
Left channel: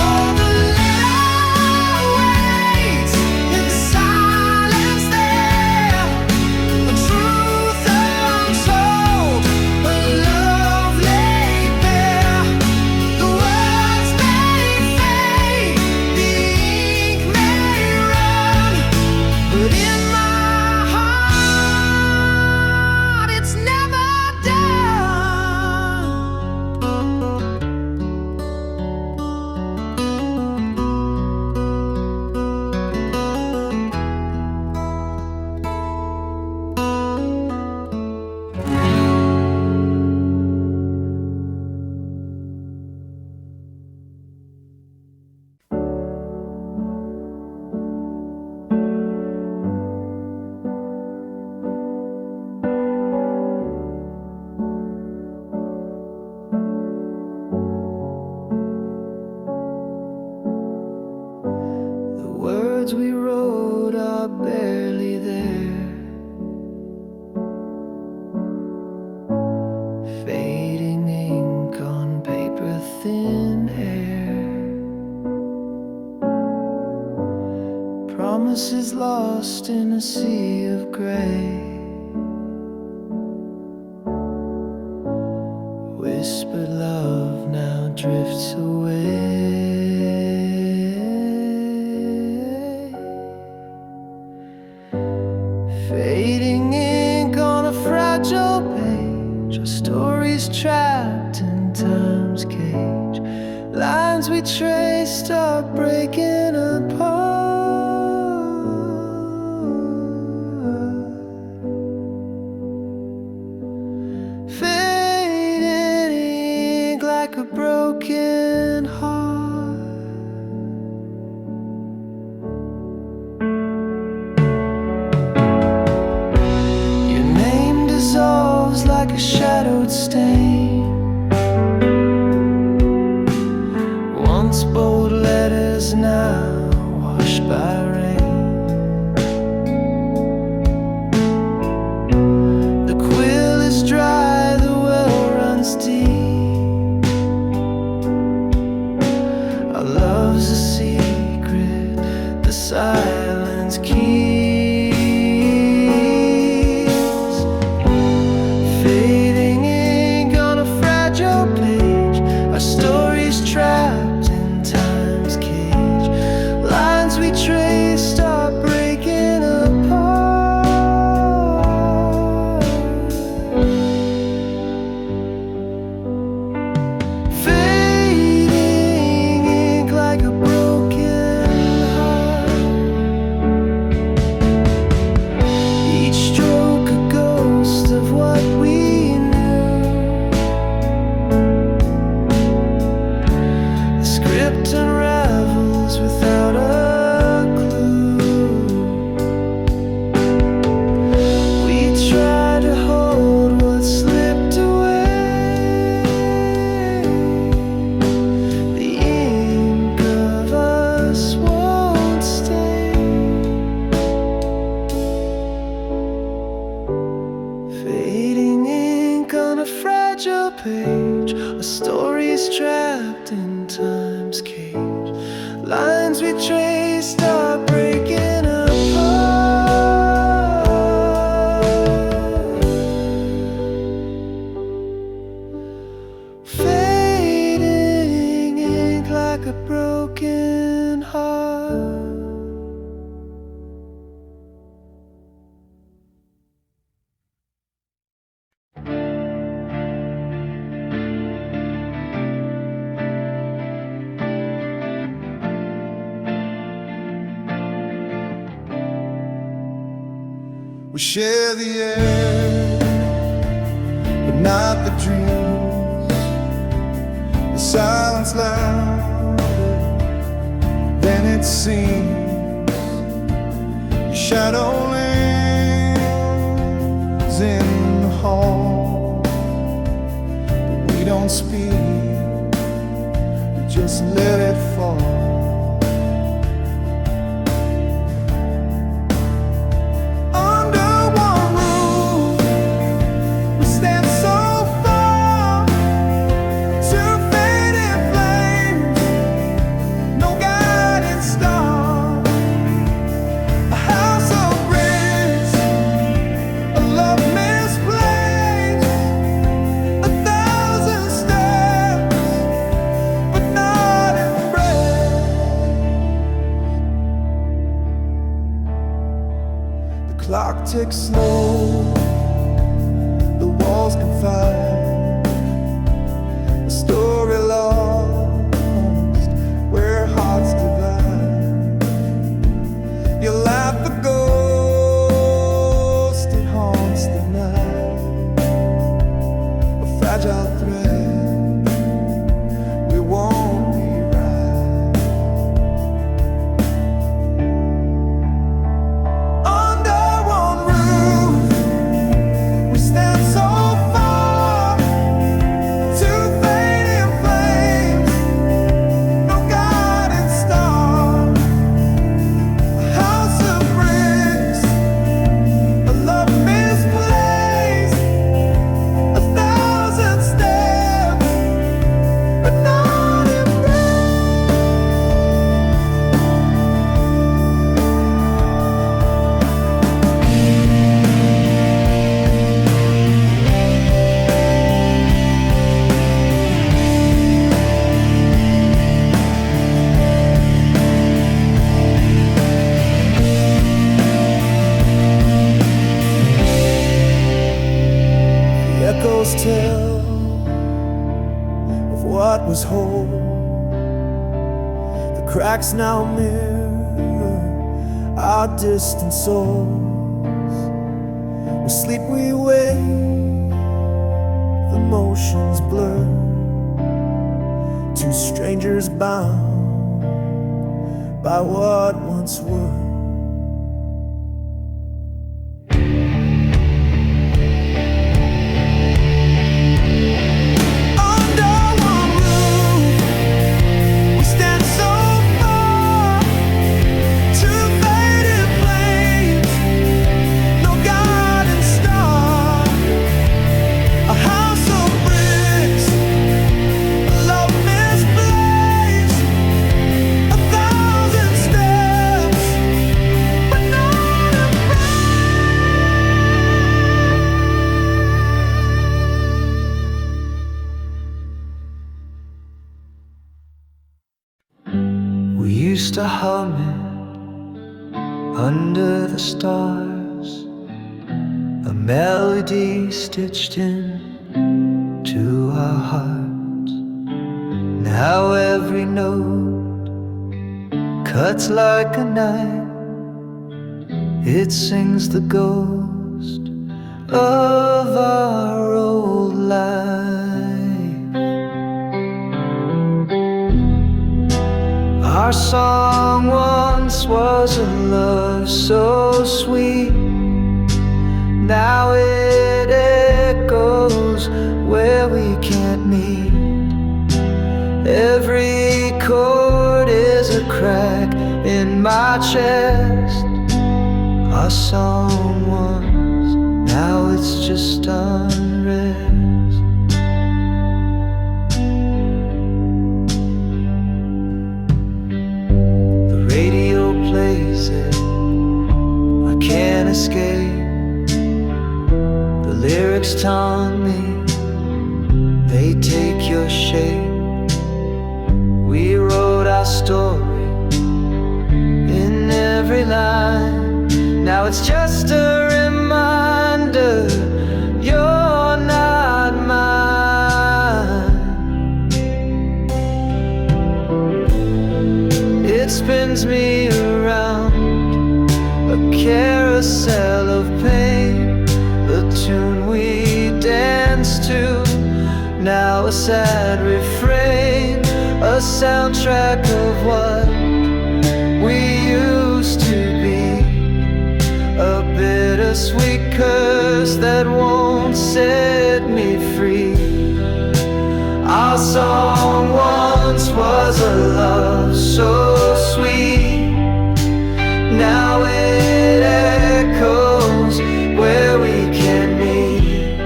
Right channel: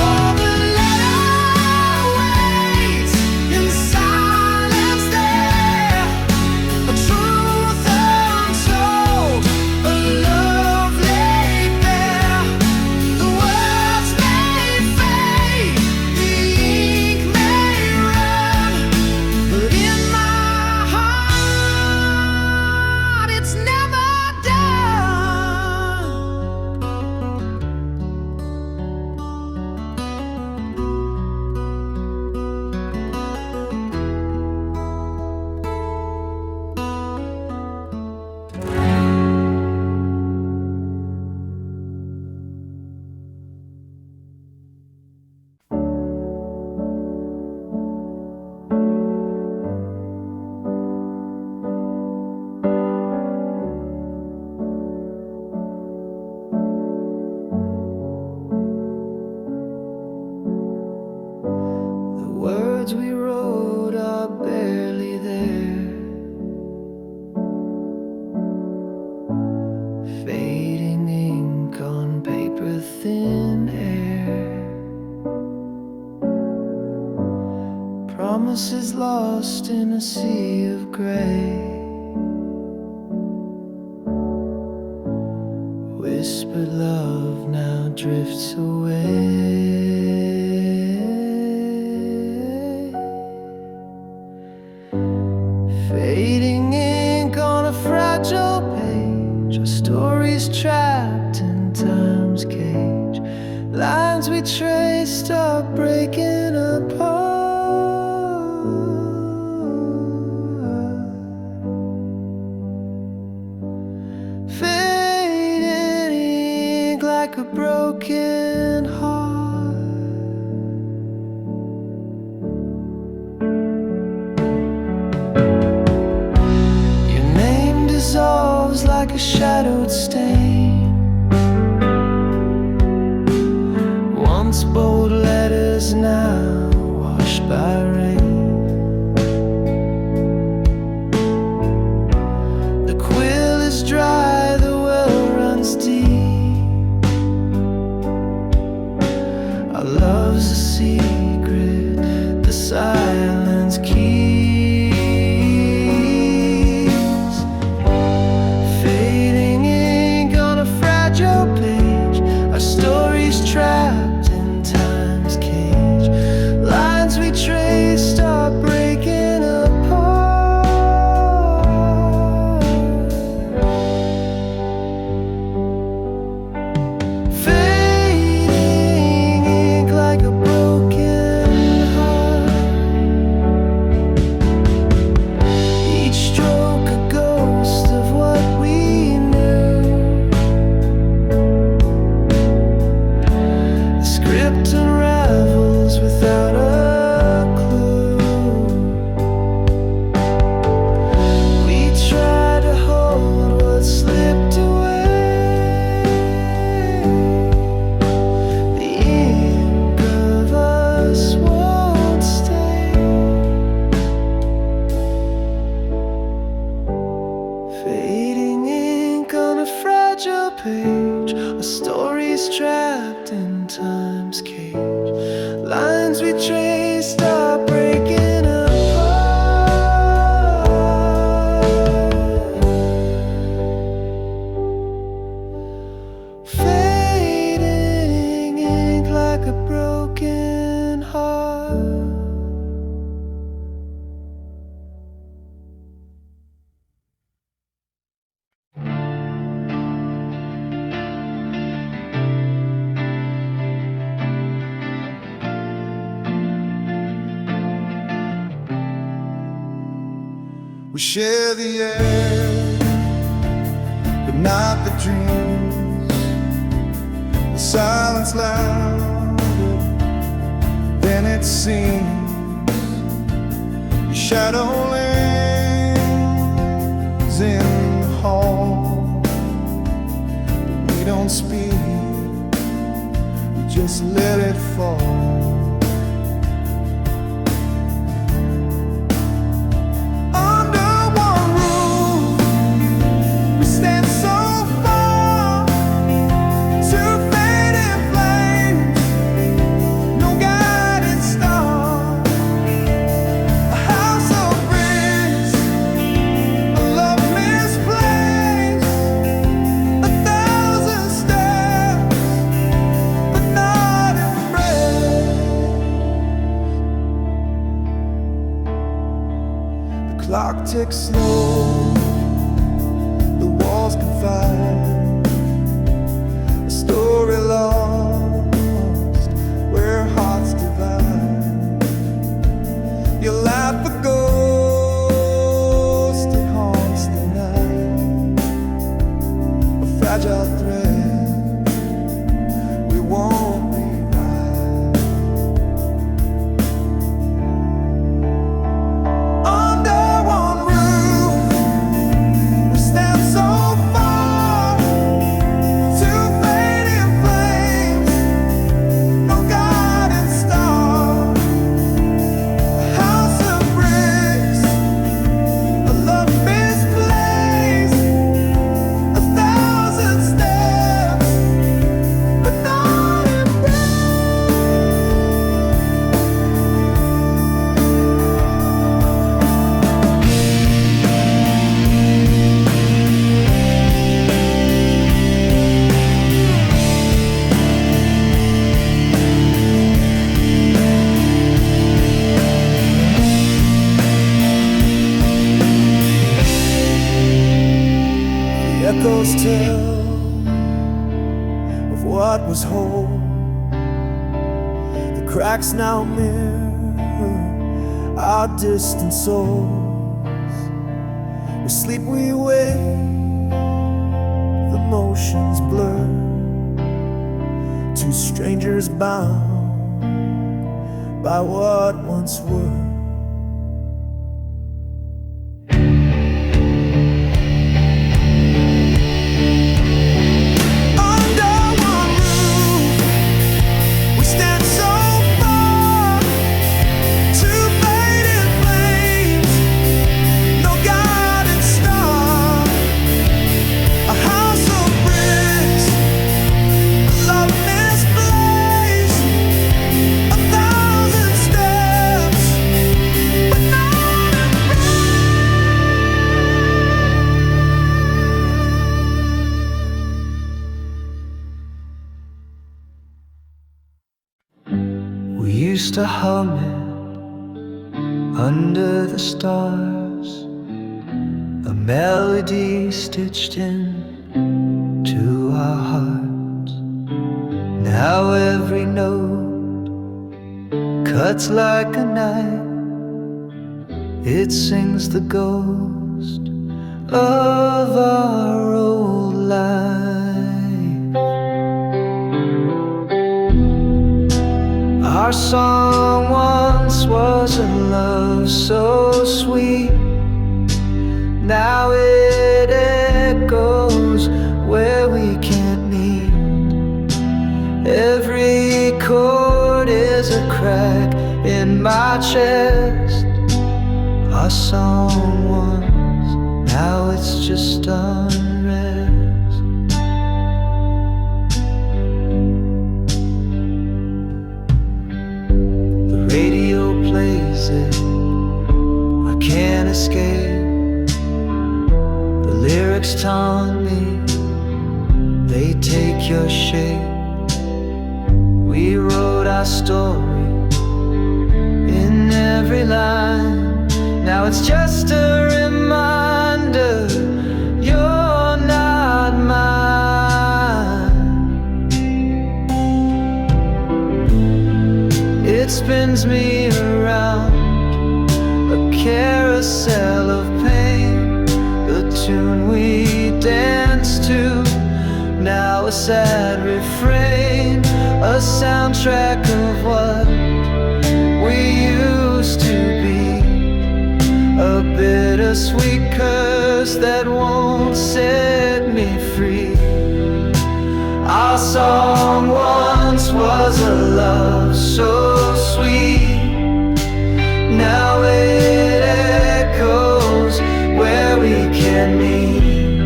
Oh, the letter waits in silence there, a truth untold, a love laid bare. The words may fade, the ink may run, but in my heart it's never done. The words we wrote are barely there, fading ink on paper, thin air. Promises lost in a sea of gray. Whispered love now drifts away. Fading ink on a fragile page, our stories trapped in time's cage. Lines we traced are breaking apart. Fading ink like a broken heart. Your name dissolves like a shadowed stain. Once bold letters, now washed by rain. The quill is dry, the well runs deep. Our love's a secret, the silence keeps. Fading ink on a fragile page, our stories trapped in time's cage. Lines we traced are breaking apart. Fading ink like a broken heart. fragile page, a story's trapped in time's cage. Lines we traced are breaking apart, fading ink like a broken heart. We share the air, but not the dreams. The silence louder than it seems. Your shadow lingers in the hall, but we don't speak, we just let it fall. Clock ticks slow, the walls confide, a story lost where hearts divide. You laugh a ghost, it haunts the night, a fragile thread we won't echoes tell of what was whole. The cracks now mirror our distant souls. We sleep, we wake, the motions blur. Two strangers bound by what once were. We used to hum it under the stars, a melody stitched in to our hearts. Now every note cuts like a knife, it sings the ghost of our old life. Our song once was a love so sweet, now it echoes where we can't meet. Every chord is a crack in my chest. Our song once, now it's just unrest. lyrics taunt me, they take your shape. We wrote our story in every line. Now it's just a reminder you're not mine. It spins me around, a carousel of pain, the tune we danced to, now a sad refrain, a soundtrack of what we used to be, a bittersweet curse that won't set me free. Our song once was a love so sweet, now it echoes where we can meet.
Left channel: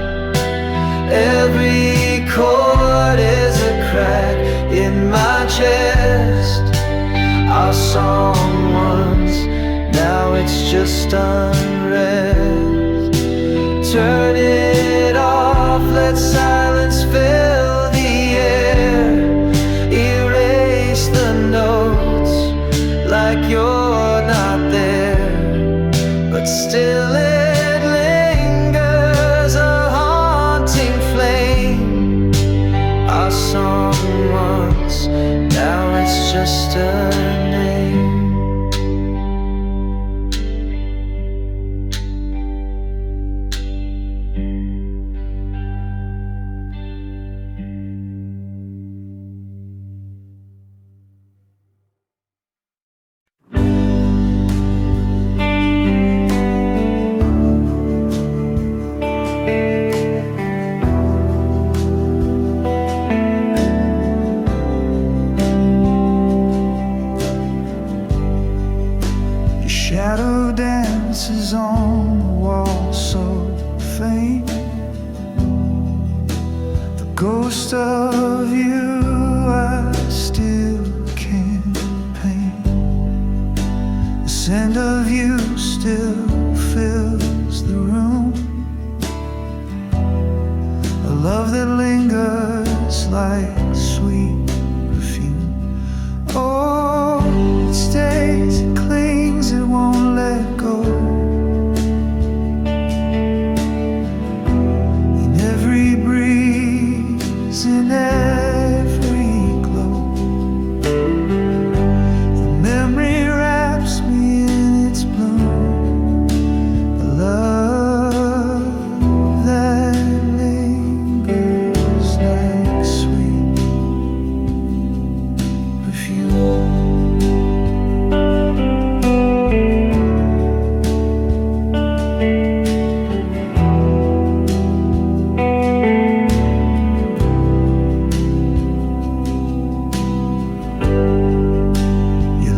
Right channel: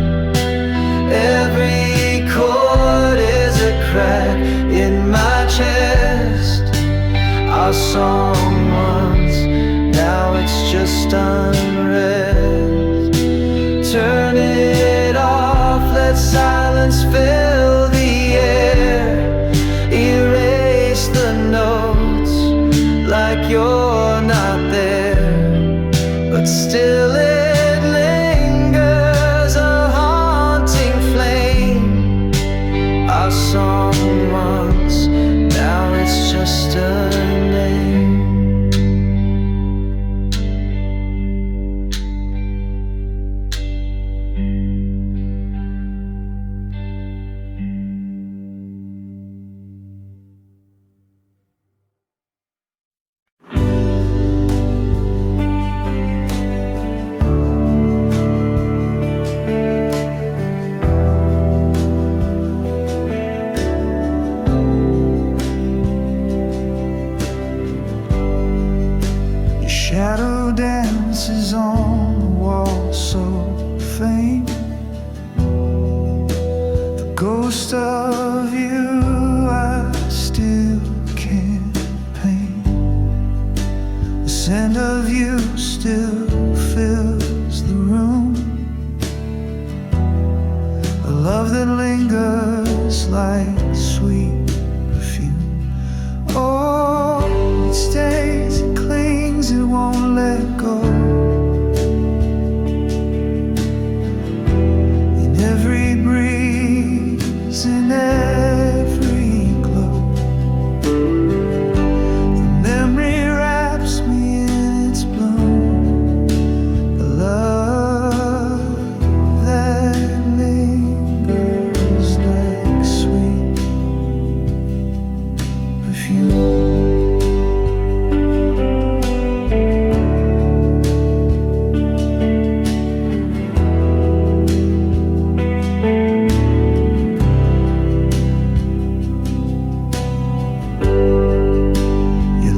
Every chord is a crack in my chest. Our song once, now it's just unrest. Turn it off, let silence fill the air. Erase the notes like you're not there, but still it lingers, a haunting flame. Our song once, now it's just a name. Shadow dances on the wall so faint. The ghost of you I still can't paint. The scent of you still fills the room, a love that lingers like sweet perfume. Oh, it stays, it clings, it won't let go. In every breeze, in every glow, the memory wraps me in its bloom, a love that lingers like sweet perfume.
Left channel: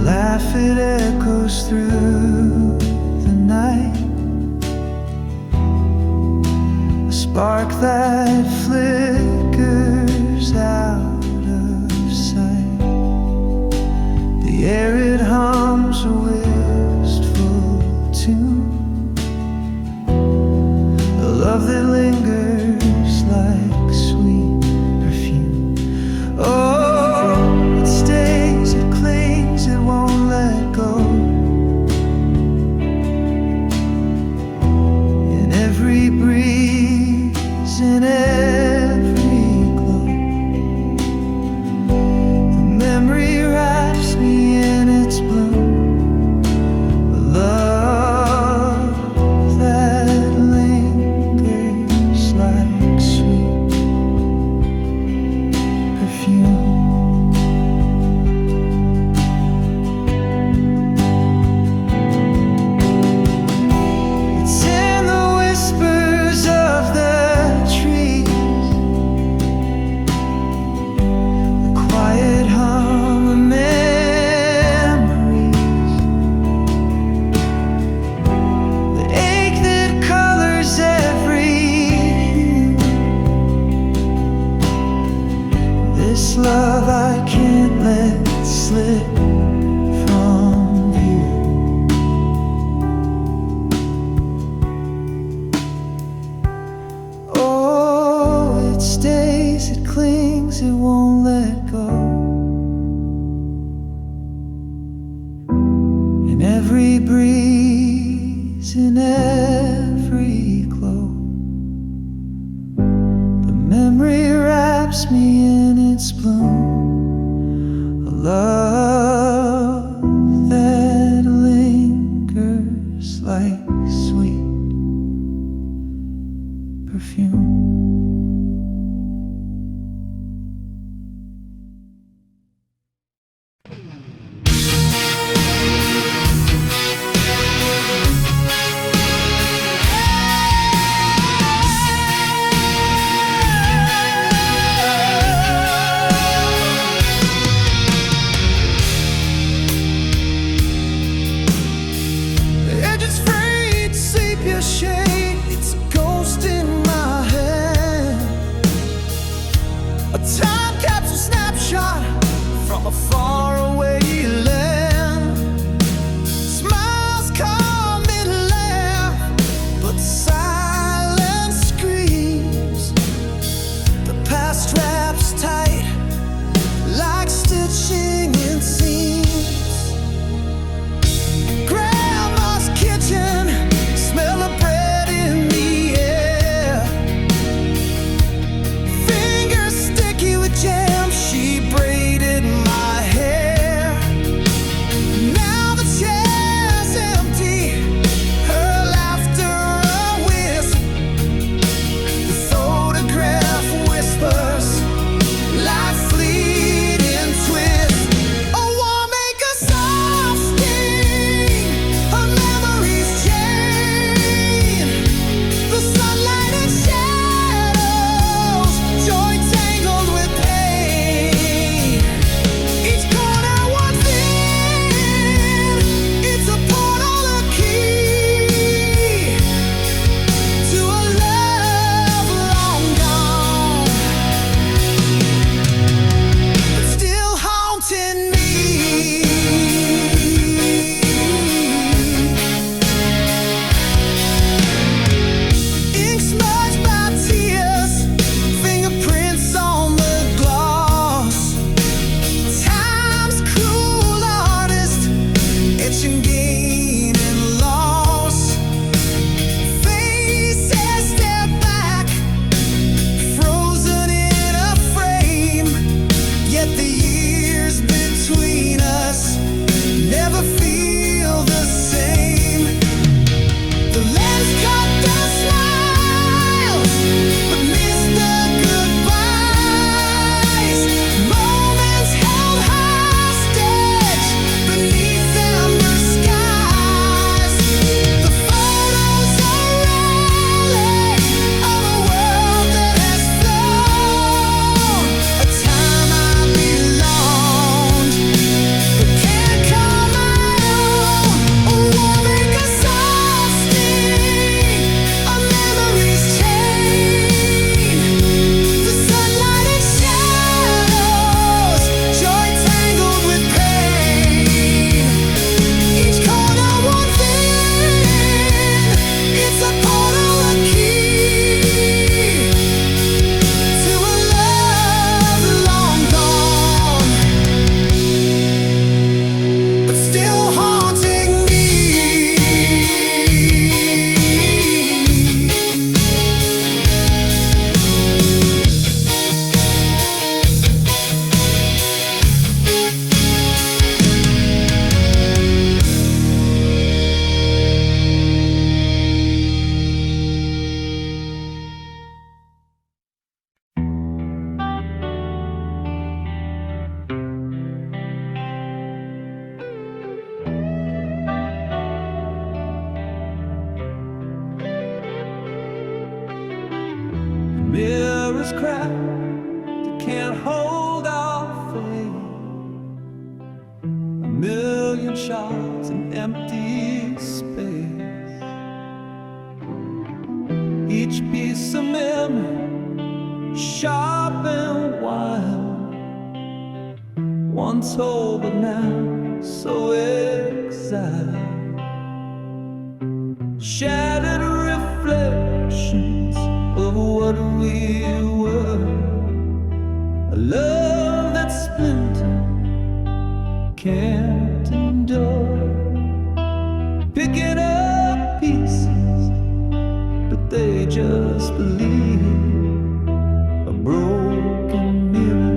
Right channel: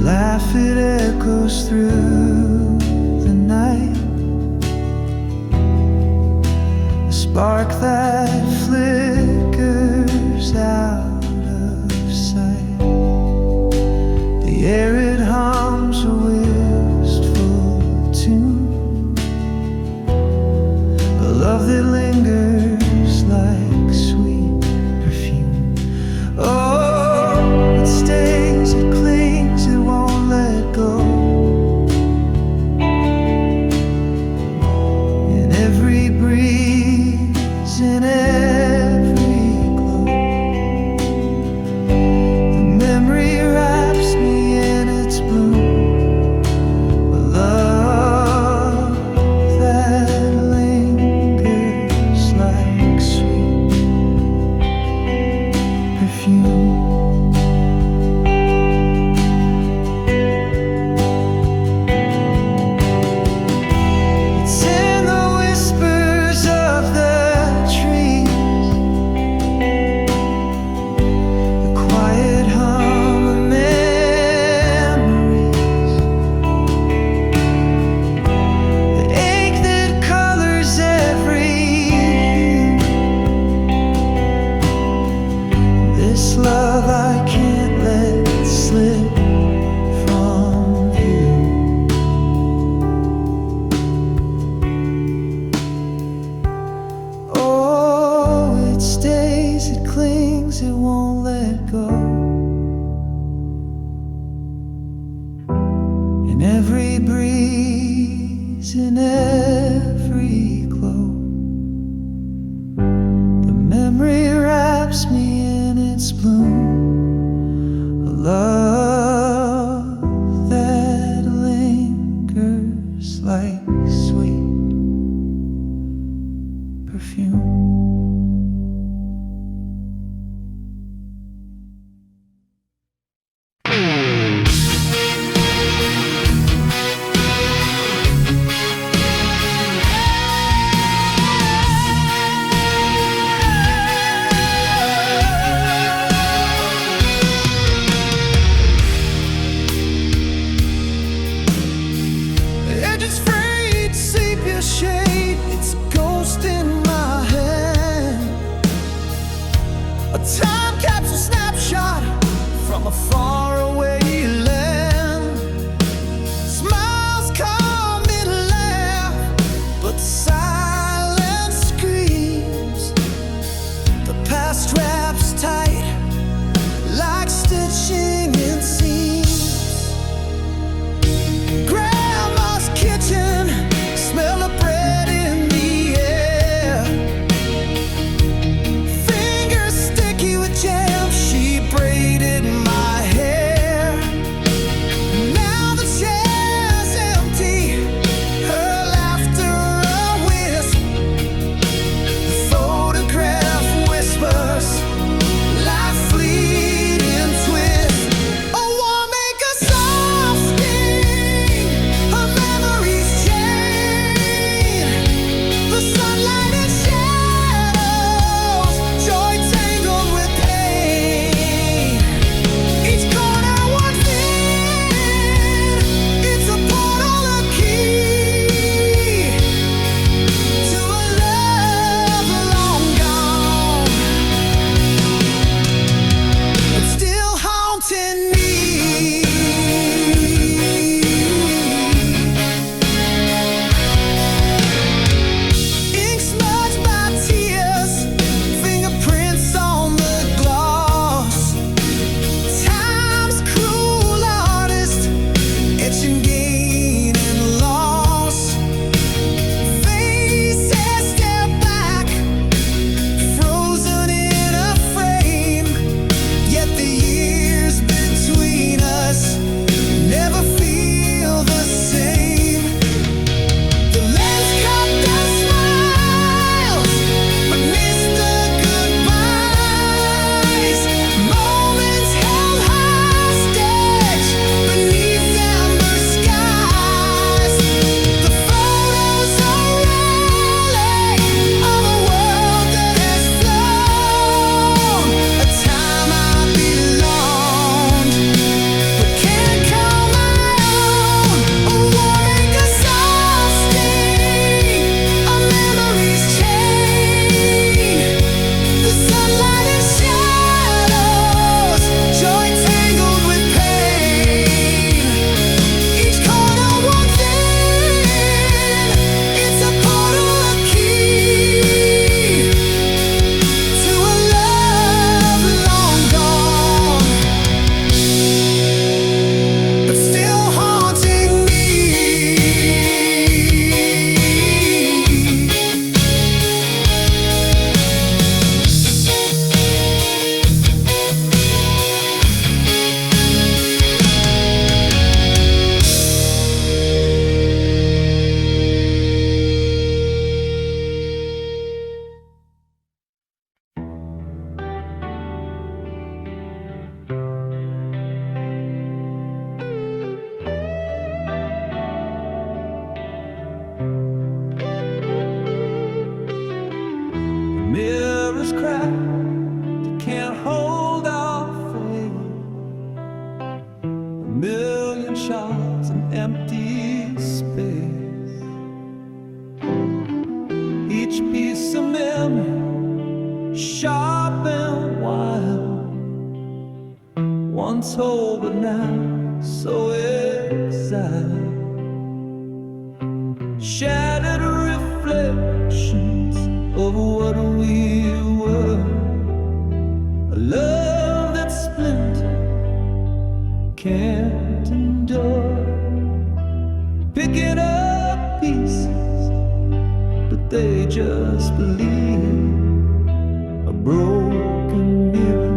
Laugh, it echoes through the night, a spark that flickers out of sight. The air, it hums a wistful tune, a love that lingers like sweet perfume. Oh, it stays, it clings, it won't let go. In every breeze, in every glow, the memory wraps me in its bloom, a love that lingers like sweet perfume. It's in the whispers of the trees, stays, it clings, it won't let go. In every breeze, in every glow, the memory wraps me in its bloom. A love that lingers like sweet perfume. Edges frayed, sepia shade, it's a ghost in my hand. A time capsule snapshot from a faraway land. Smiles come and laugh, but the silence screams. The past wraps tight like stitching in seams. Kitchen, smell of bread in the air. Fingers sticky with jam, she braided my hair. Now the chair's empty, her laughter a wisp. The photograph whispers like fleeting twists. Never feel the same. The lens cut the smiles, but missed the goodbyes. Moments held hostage beneath amber skies. The photos are relic of a world that has flown. A time I belonged, but can't call my own. A war make a soft sting, a memory's chain. The sunlight and shadows, joy tangled with pain. Each corner one thing, it's a portal, a key to a love long gone, but still haunting me. Mirrors crack, they can't hold our fate. A million shots in empty space. Each piece of memory, sharp and wild. Once whole but now so exiled. Shattered reflections of what we were. A love that splintered can't endure. Picking up pieces, but they just believe. A broken mirror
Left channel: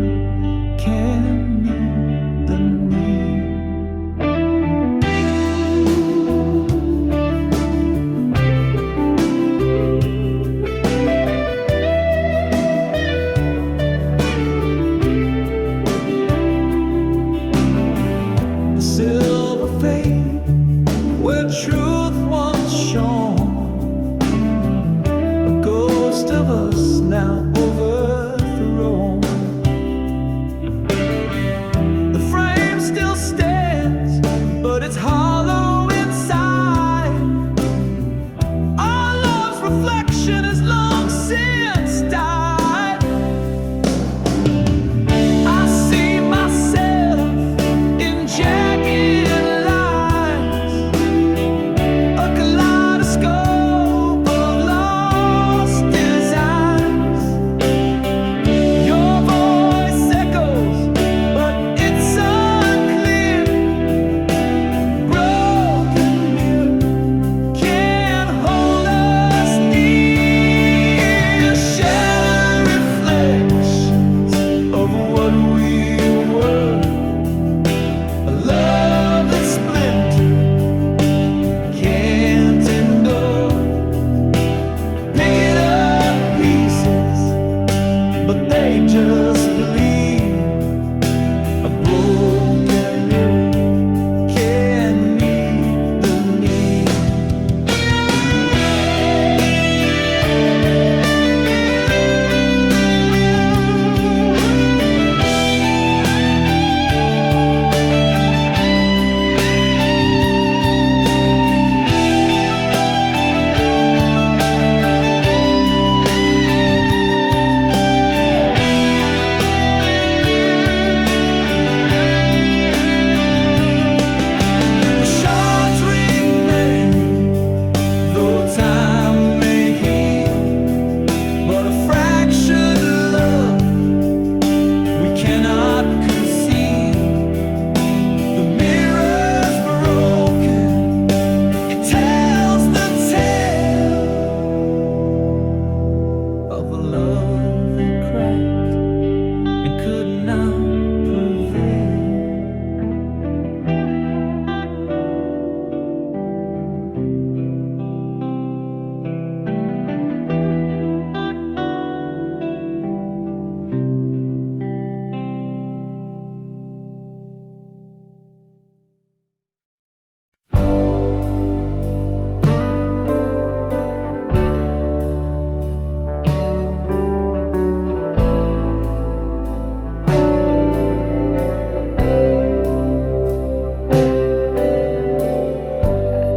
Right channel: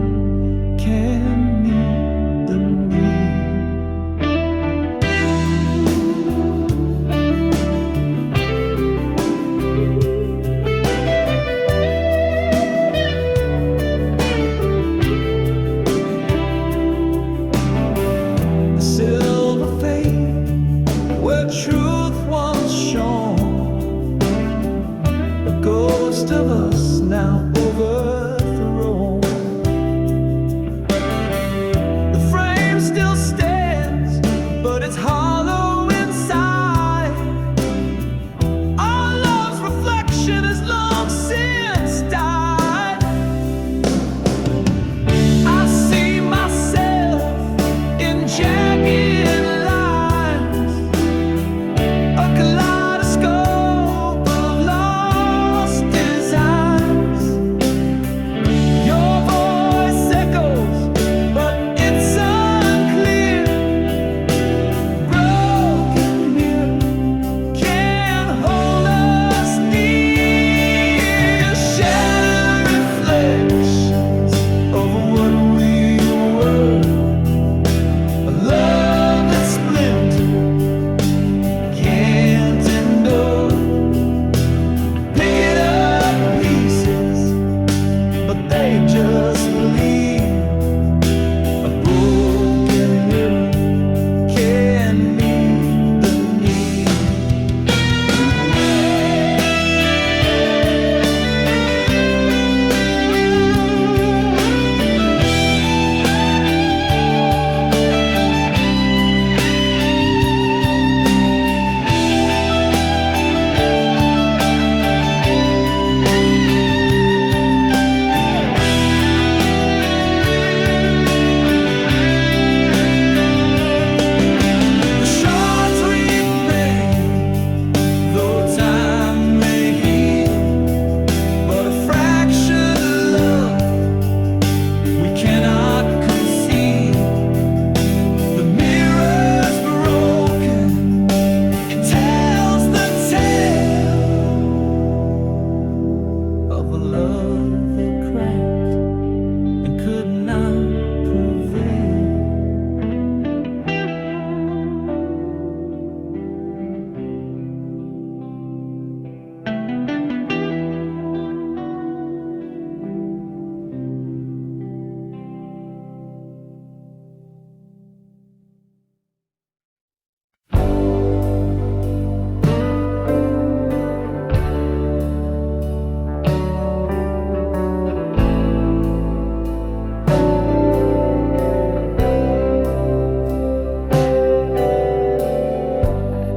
can meet the need. The silver fade where truth once shone, a ghost of us now overthrown. The frame still stands, but it's hollow inside. Our love's reflection has long since died. I see myself in jagged lines, a kaleidoscope of lost designs. Your voice echoes, but it's unclear. Broken mirror can't hold us near. Shattered reflections of what we were. A love that splintered can't endure. Picking up pieces, but they just bleed. A broken mirror can meet the need. The shards remain, though time may heal, but a fractured love we cannot conceal. The mirror's broken, it tells the tale of a love that cracked and could not prevail.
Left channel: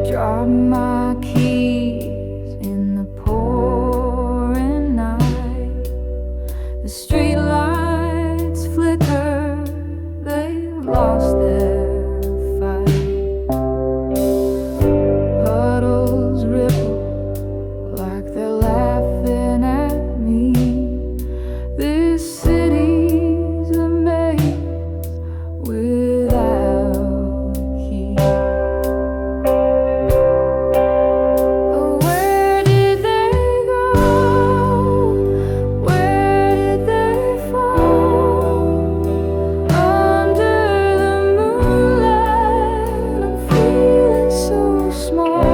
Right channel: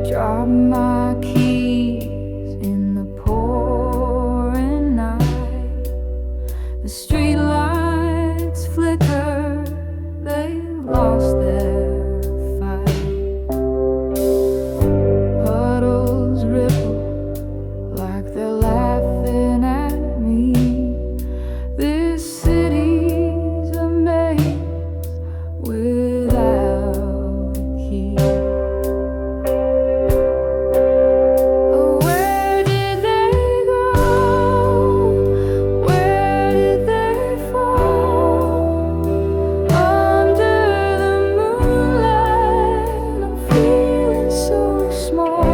Drop my keys in the pouring night. The street lights flicker, they've lost their fight. Puddles ripple like they're laughing at me. This city's a maze without a key. Where did they go? Where did they fall? Under the moonlight, I'm feeling so small.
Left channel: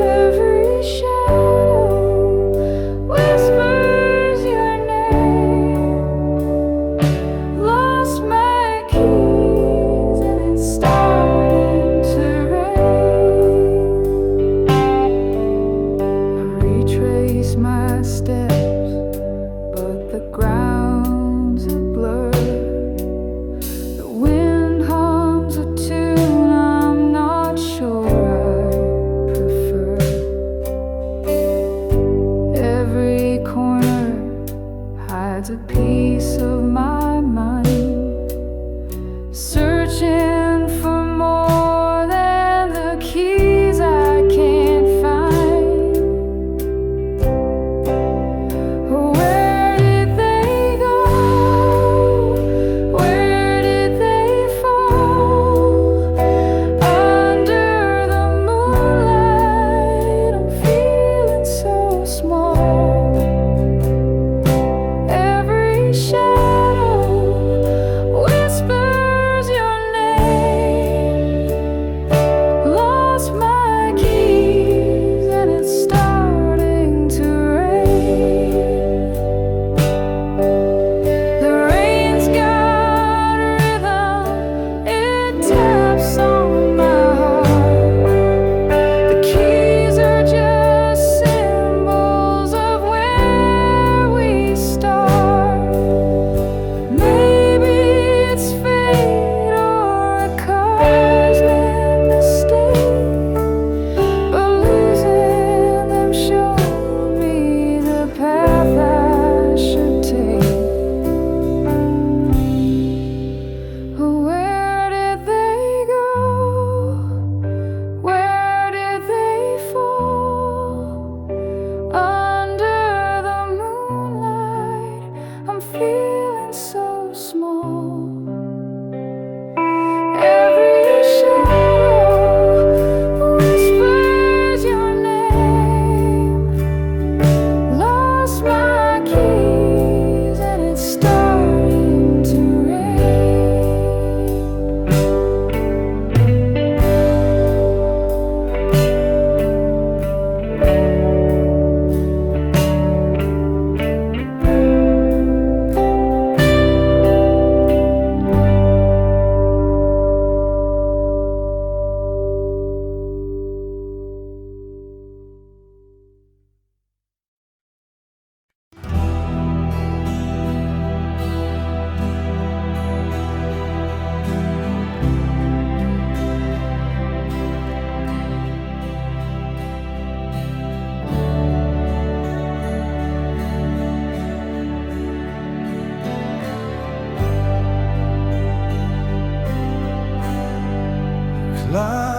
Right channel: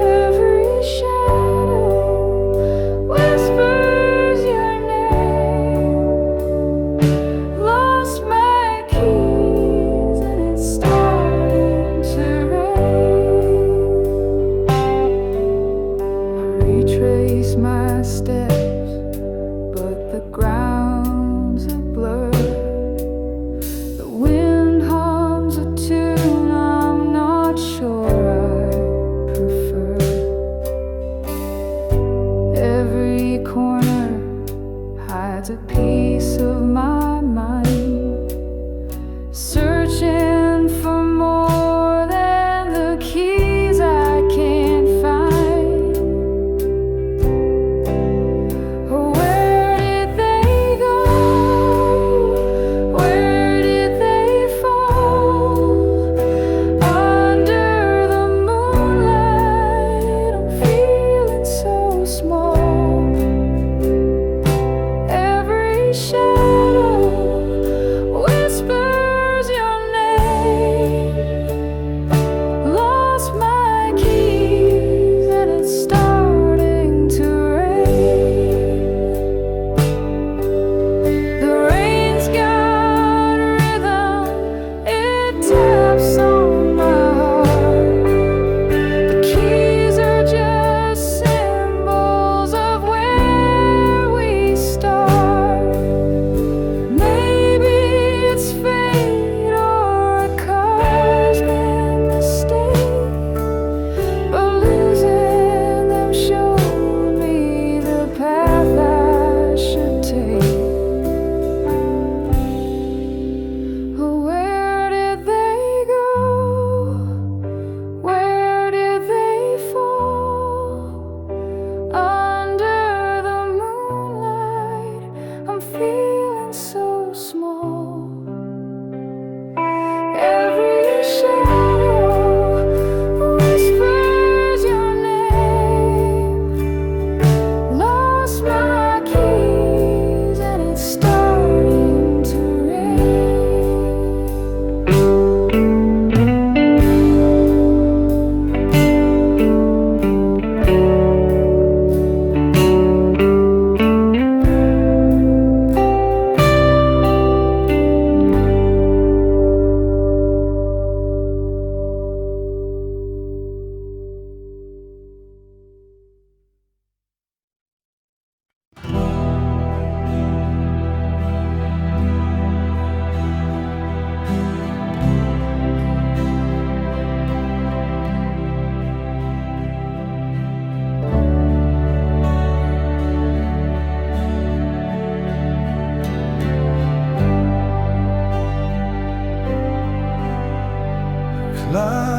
Every shadow whispers your name. Lost my keys and it's starting to rain. I retrace my steps, but the ground's a blur. The wind hums a tune I'm not sure I prefer. Every corner hides a piece of my mind, searching for more than the keys I can't find.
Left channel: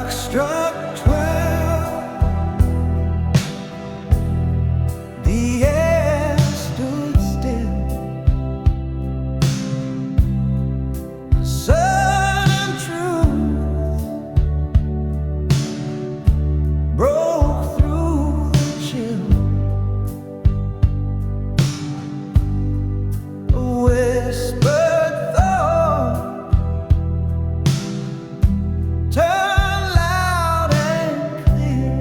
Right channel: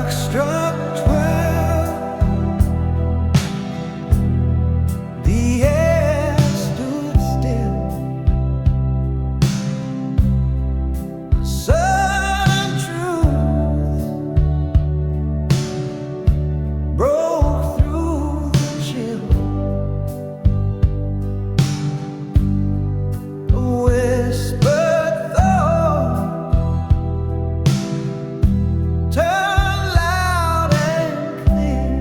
clock struck 12. The air stood still. A sudden truth broke through the chill. A whispered thought turned loud and clear.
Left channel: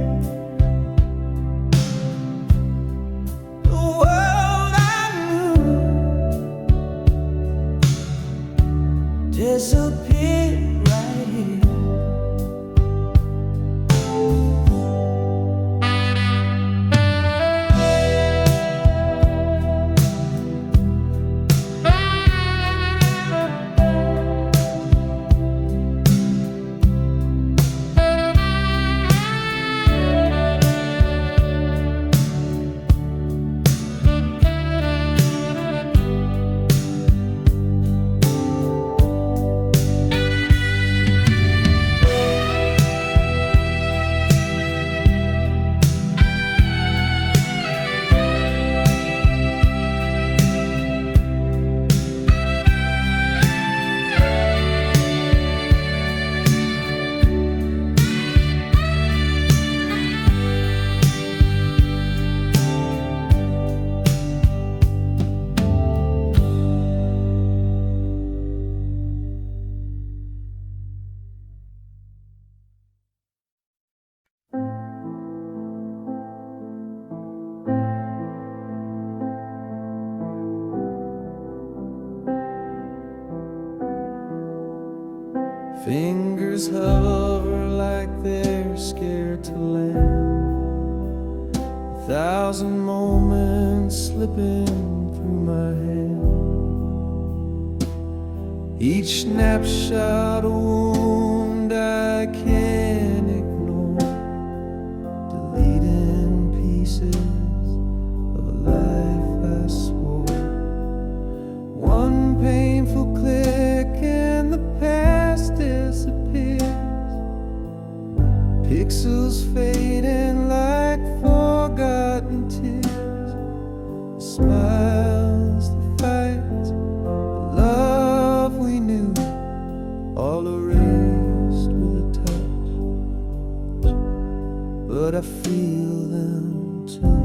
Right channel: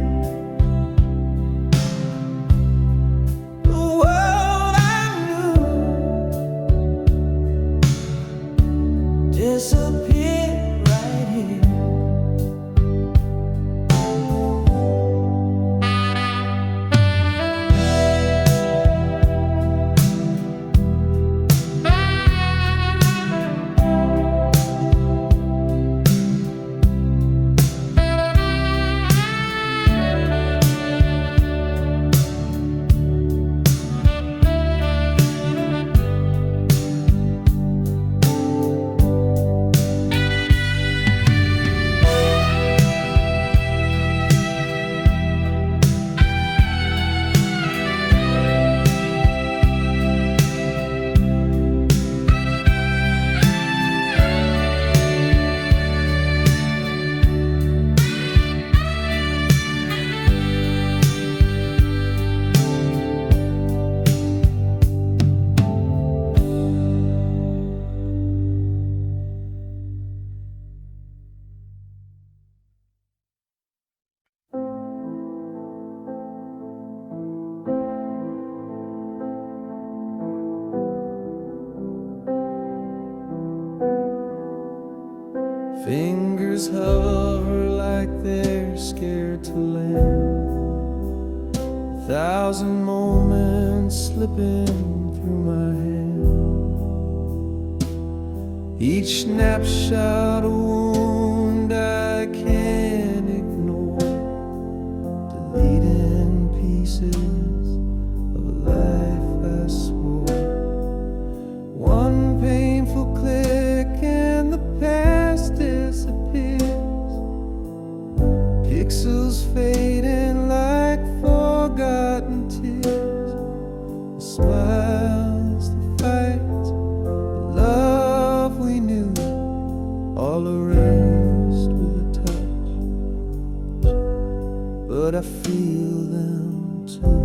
The world I knew disappeared right here. Fingers hover like they're scared to land. 1,000 moments slipping through my hand. Each snapshot a wound I can't ignore, deleting pieces of a life I swore. One painful click and the past disappears. Pixels fading like forgotten tears. The smiles, the fights, the love we knew, all erased with a touch. But I feel them too.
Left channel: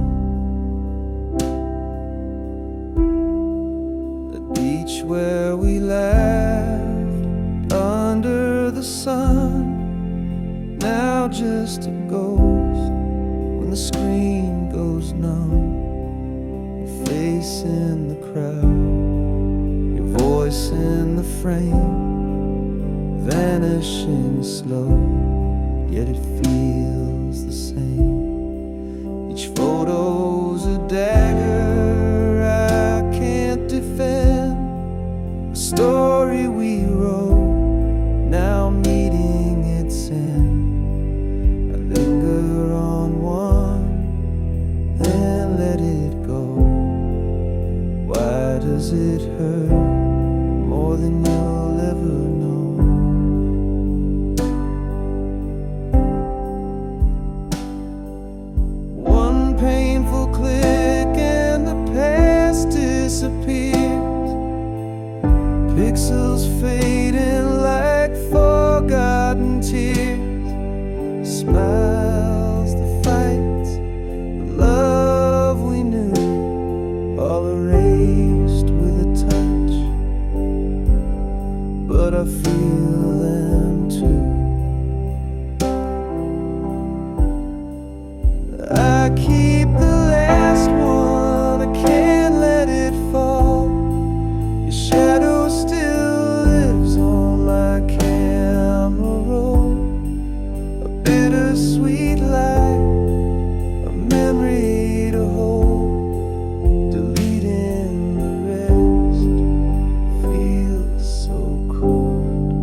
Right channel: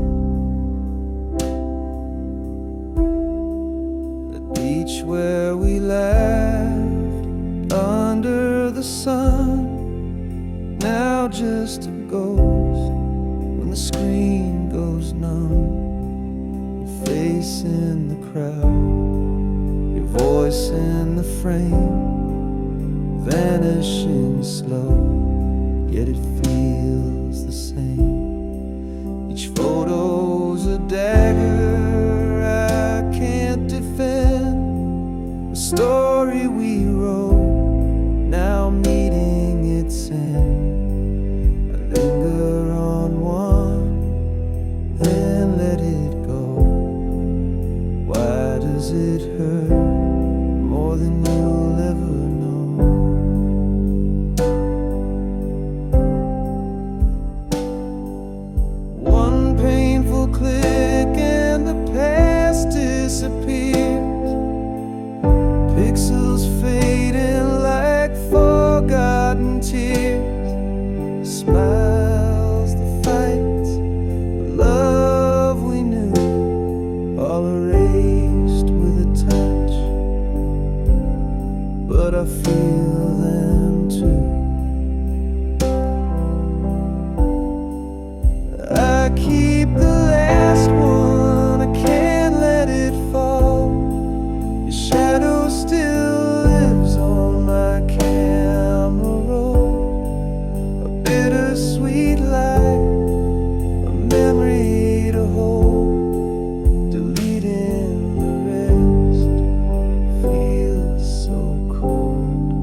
The beach where we laughed under the sun, now just a ghost when the screen goes numb. Your face in the crowd, your voice in the frame, vanishing slow, yet it feels the same. Each photo's a dagger I can't defend. The story we wrote, now meeting its end. I linger on one, then let it go. Why does it hurt more than you'll ever know? One painful click and the past disappears. Pixels fading like forgotten tears. Smiles, the fights, the love we knew, all erased with a touch. But I feel them too. I keep the last one, I can't let it fall. Your shadow still lives on my camera roll. A bittersweet light, a memory to hold. Deleting the rest feels so cold.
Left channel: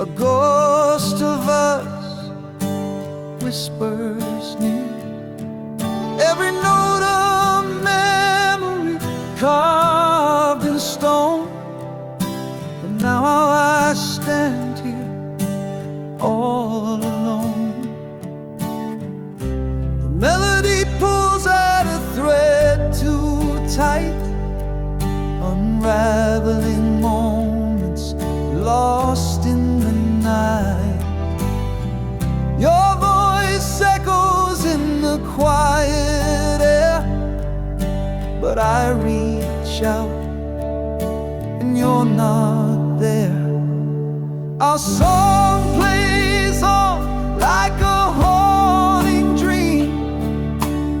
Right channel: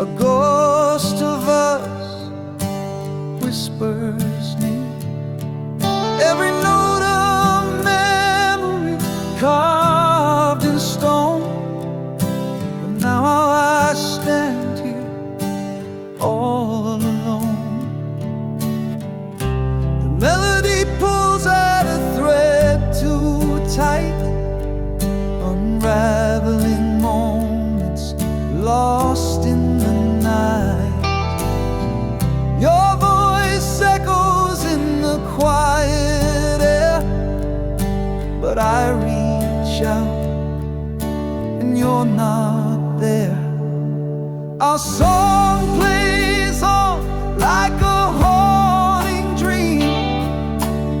A ghost of us whispers near. Every note of memory carved in stone. But now I stand here all alone. The melody pulls at a thread too tight, unraveling moments lost in the night. Your voice echoes in the quiet air, but I reach out and you're not there. Our song plays on like a haunting dream,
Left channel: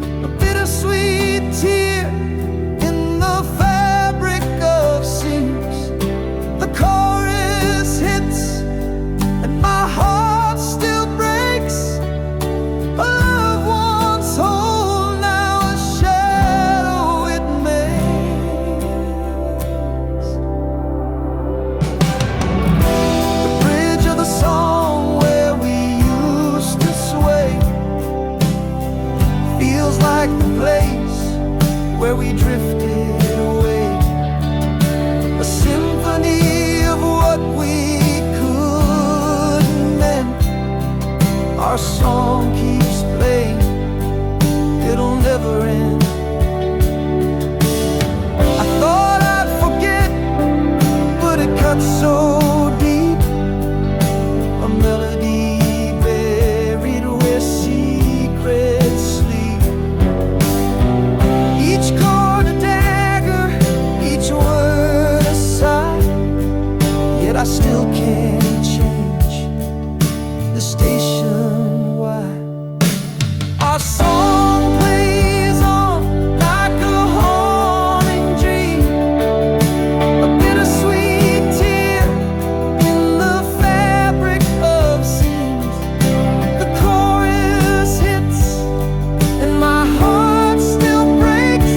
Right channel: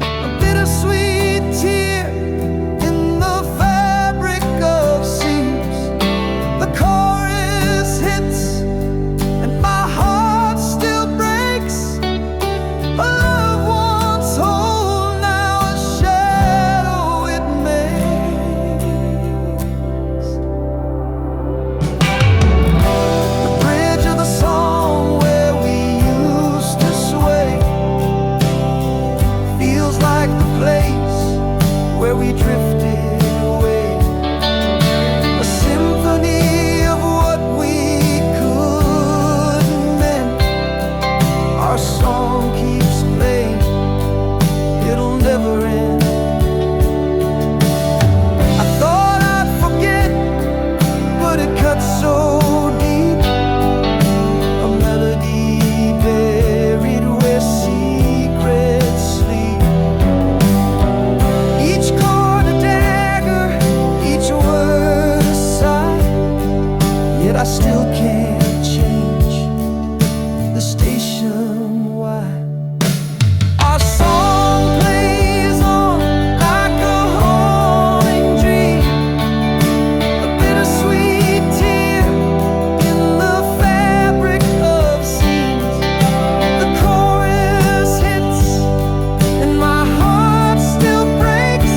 a bittersweet tear in the fabric of seams. The chorus hits and my heart still breaks. A love once whole, now a shadow it makes. The bridge of the song where we used to sway feels like the place where we drifted away. A symphony of what we couldn't mend. Our song keeps playing, it'll never end. I thought I'd forget, but it cuts so deep. A melody buried where secrets sleep. Each chord a dagger, each word a sigh. Yet I still can't change the station wide. Our song plays on like a haunting dream, a bittersweet tear in the fabric of seams. The chorus hits and my heart still breaks.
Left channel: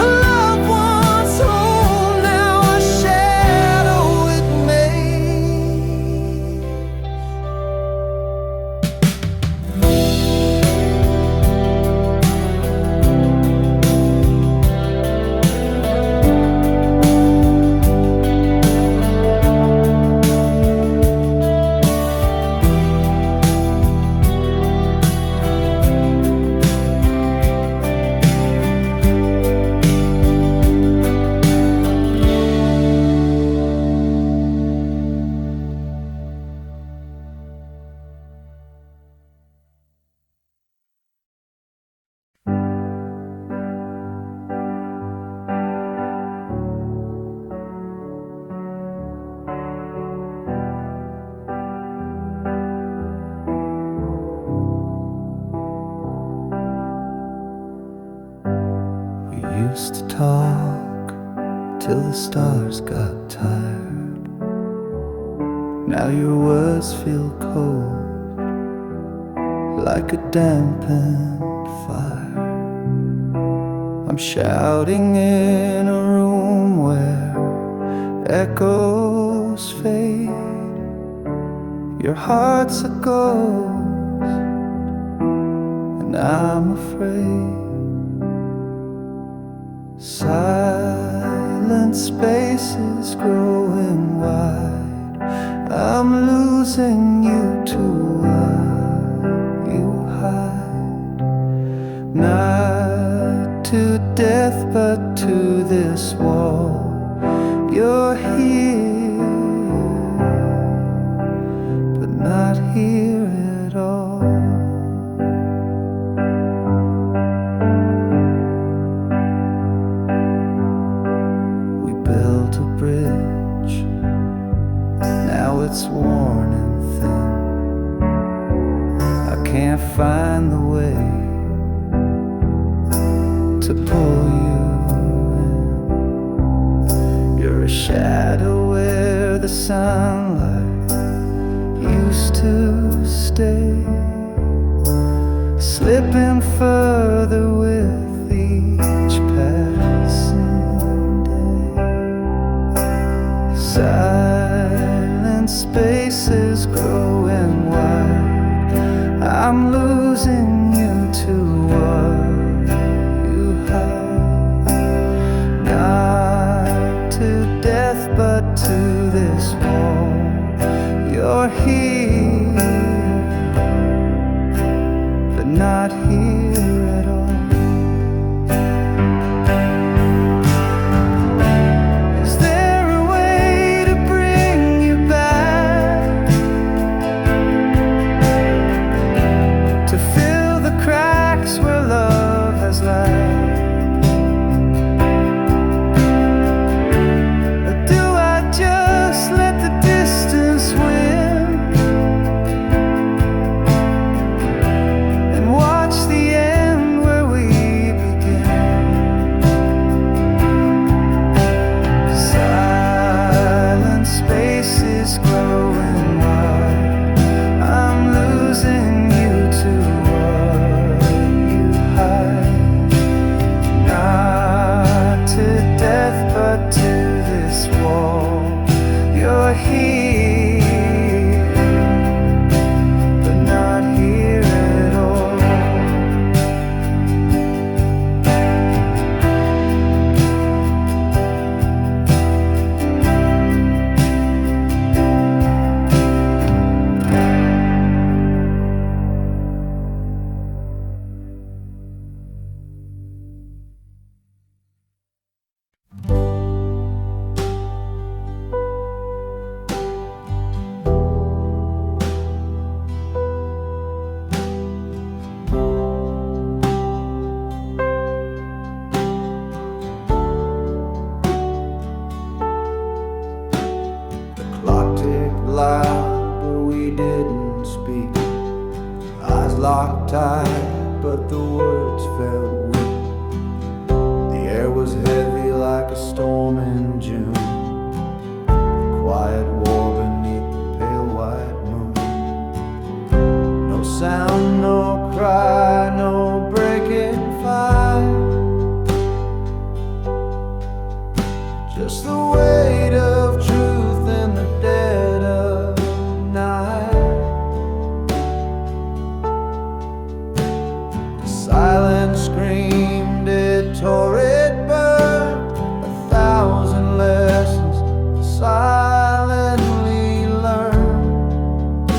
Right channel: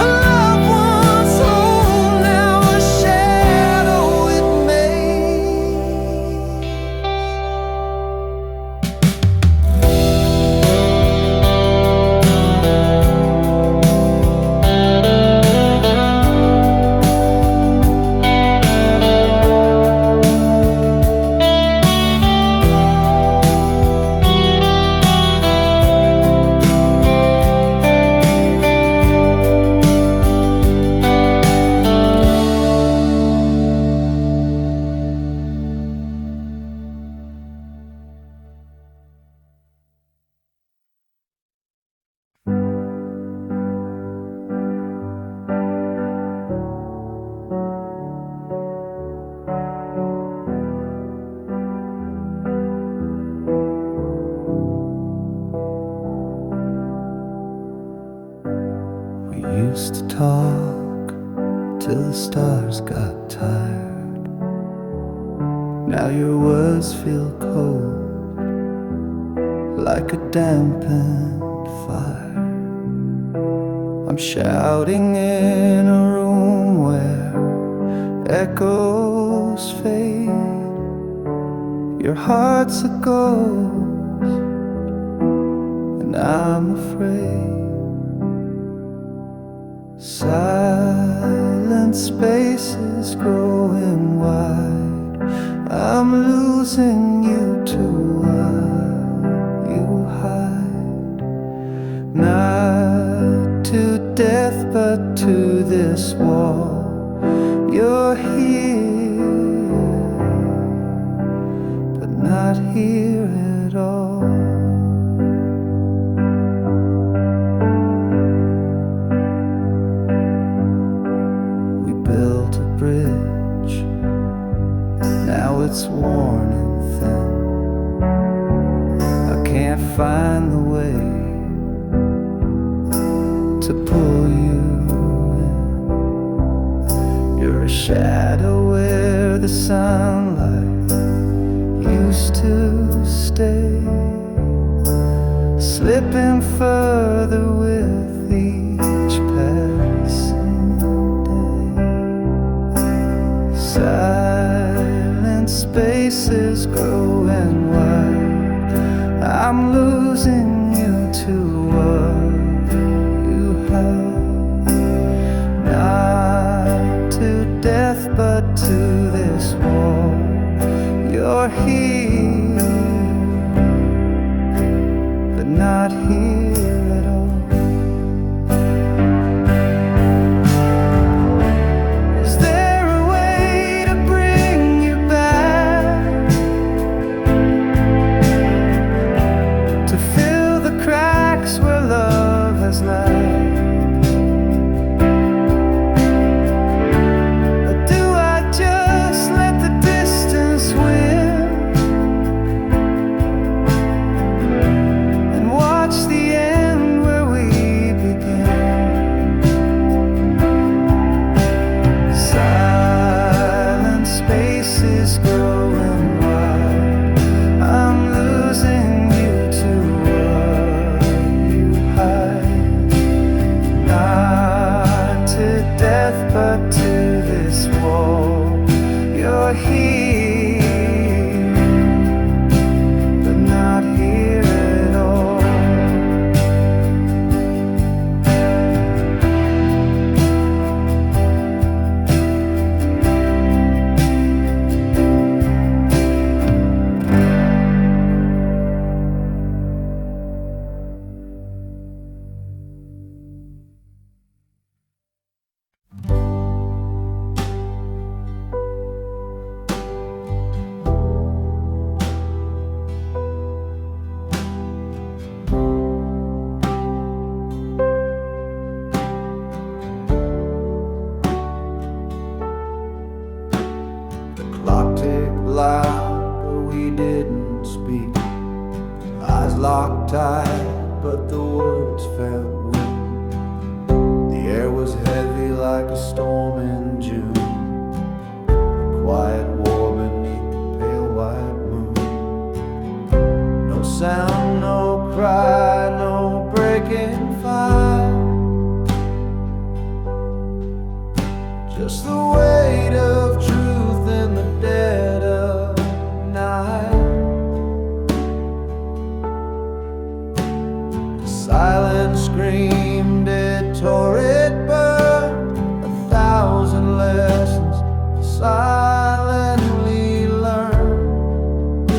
A love once whole, now a shadow it makes. We used to talk till the stars got tired. Now your words feel cold, like a dampened fire. I'm shouting in a room where echoes fade. Your heart's a ghost, and I'm afraid. Silent spaces growing wide. I'm losing you to what you hide. Not to death, but to this wall. You're here, but not here at all. We built a bridge, now it's worn and thin. I can't find the way to pull you in. You're a shadow where the sunlight used to stay, slipping further with each passing day. Silent silent spaces growing wide. I'm losing you to what you hide. Not to death, but to this wall. You're here, but not here at all. Is there a way to bring you back, to fill the cracks where love has lacked? Or do I just let the distance win and watch the end where we began? Silent spaces growing wide. I'm losing you to what you hide. Not to death, but to this wall. You're here, but not here at all. Clock ticked loud, but we didn't speak. Eyes locked tight, but the words felt weak. The air was heavy like a storm in June. Quiet war beneath the pale white moon. No sound, no cry, no breaking fire. Just the weight of truth in the dead of night. The silent screamed, it tore, it burned. 1,000 lessons silently learned.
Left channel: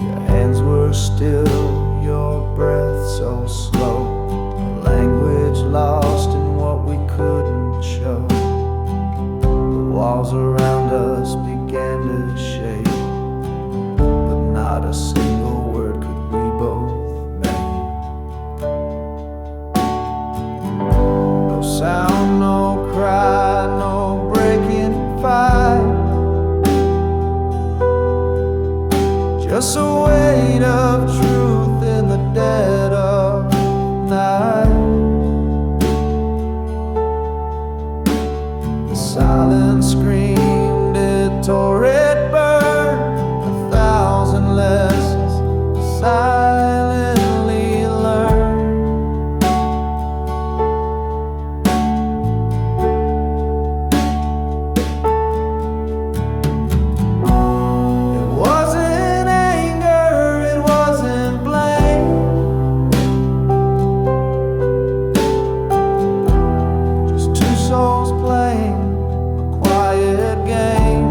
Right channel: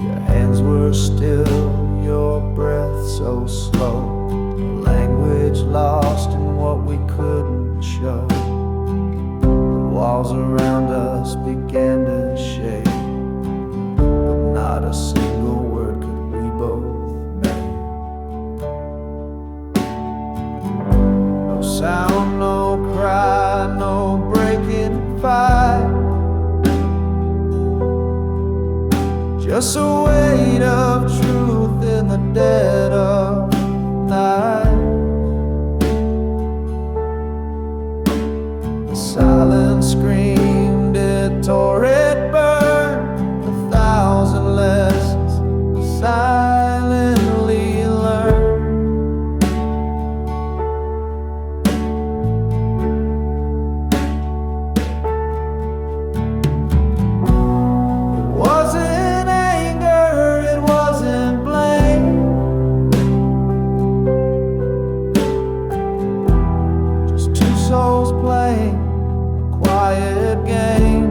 Your hands were still, your breath so slow, a language lost in what we couldn't show. The walls around us began to shake, but not a single word could we both make. No sound, no cry, no breaking fight. Just a weight of truth in the dead of night. The silence screamed, it tore, it burned. 1,000 lessons silently learned. It wasn't souls playing a quiet game.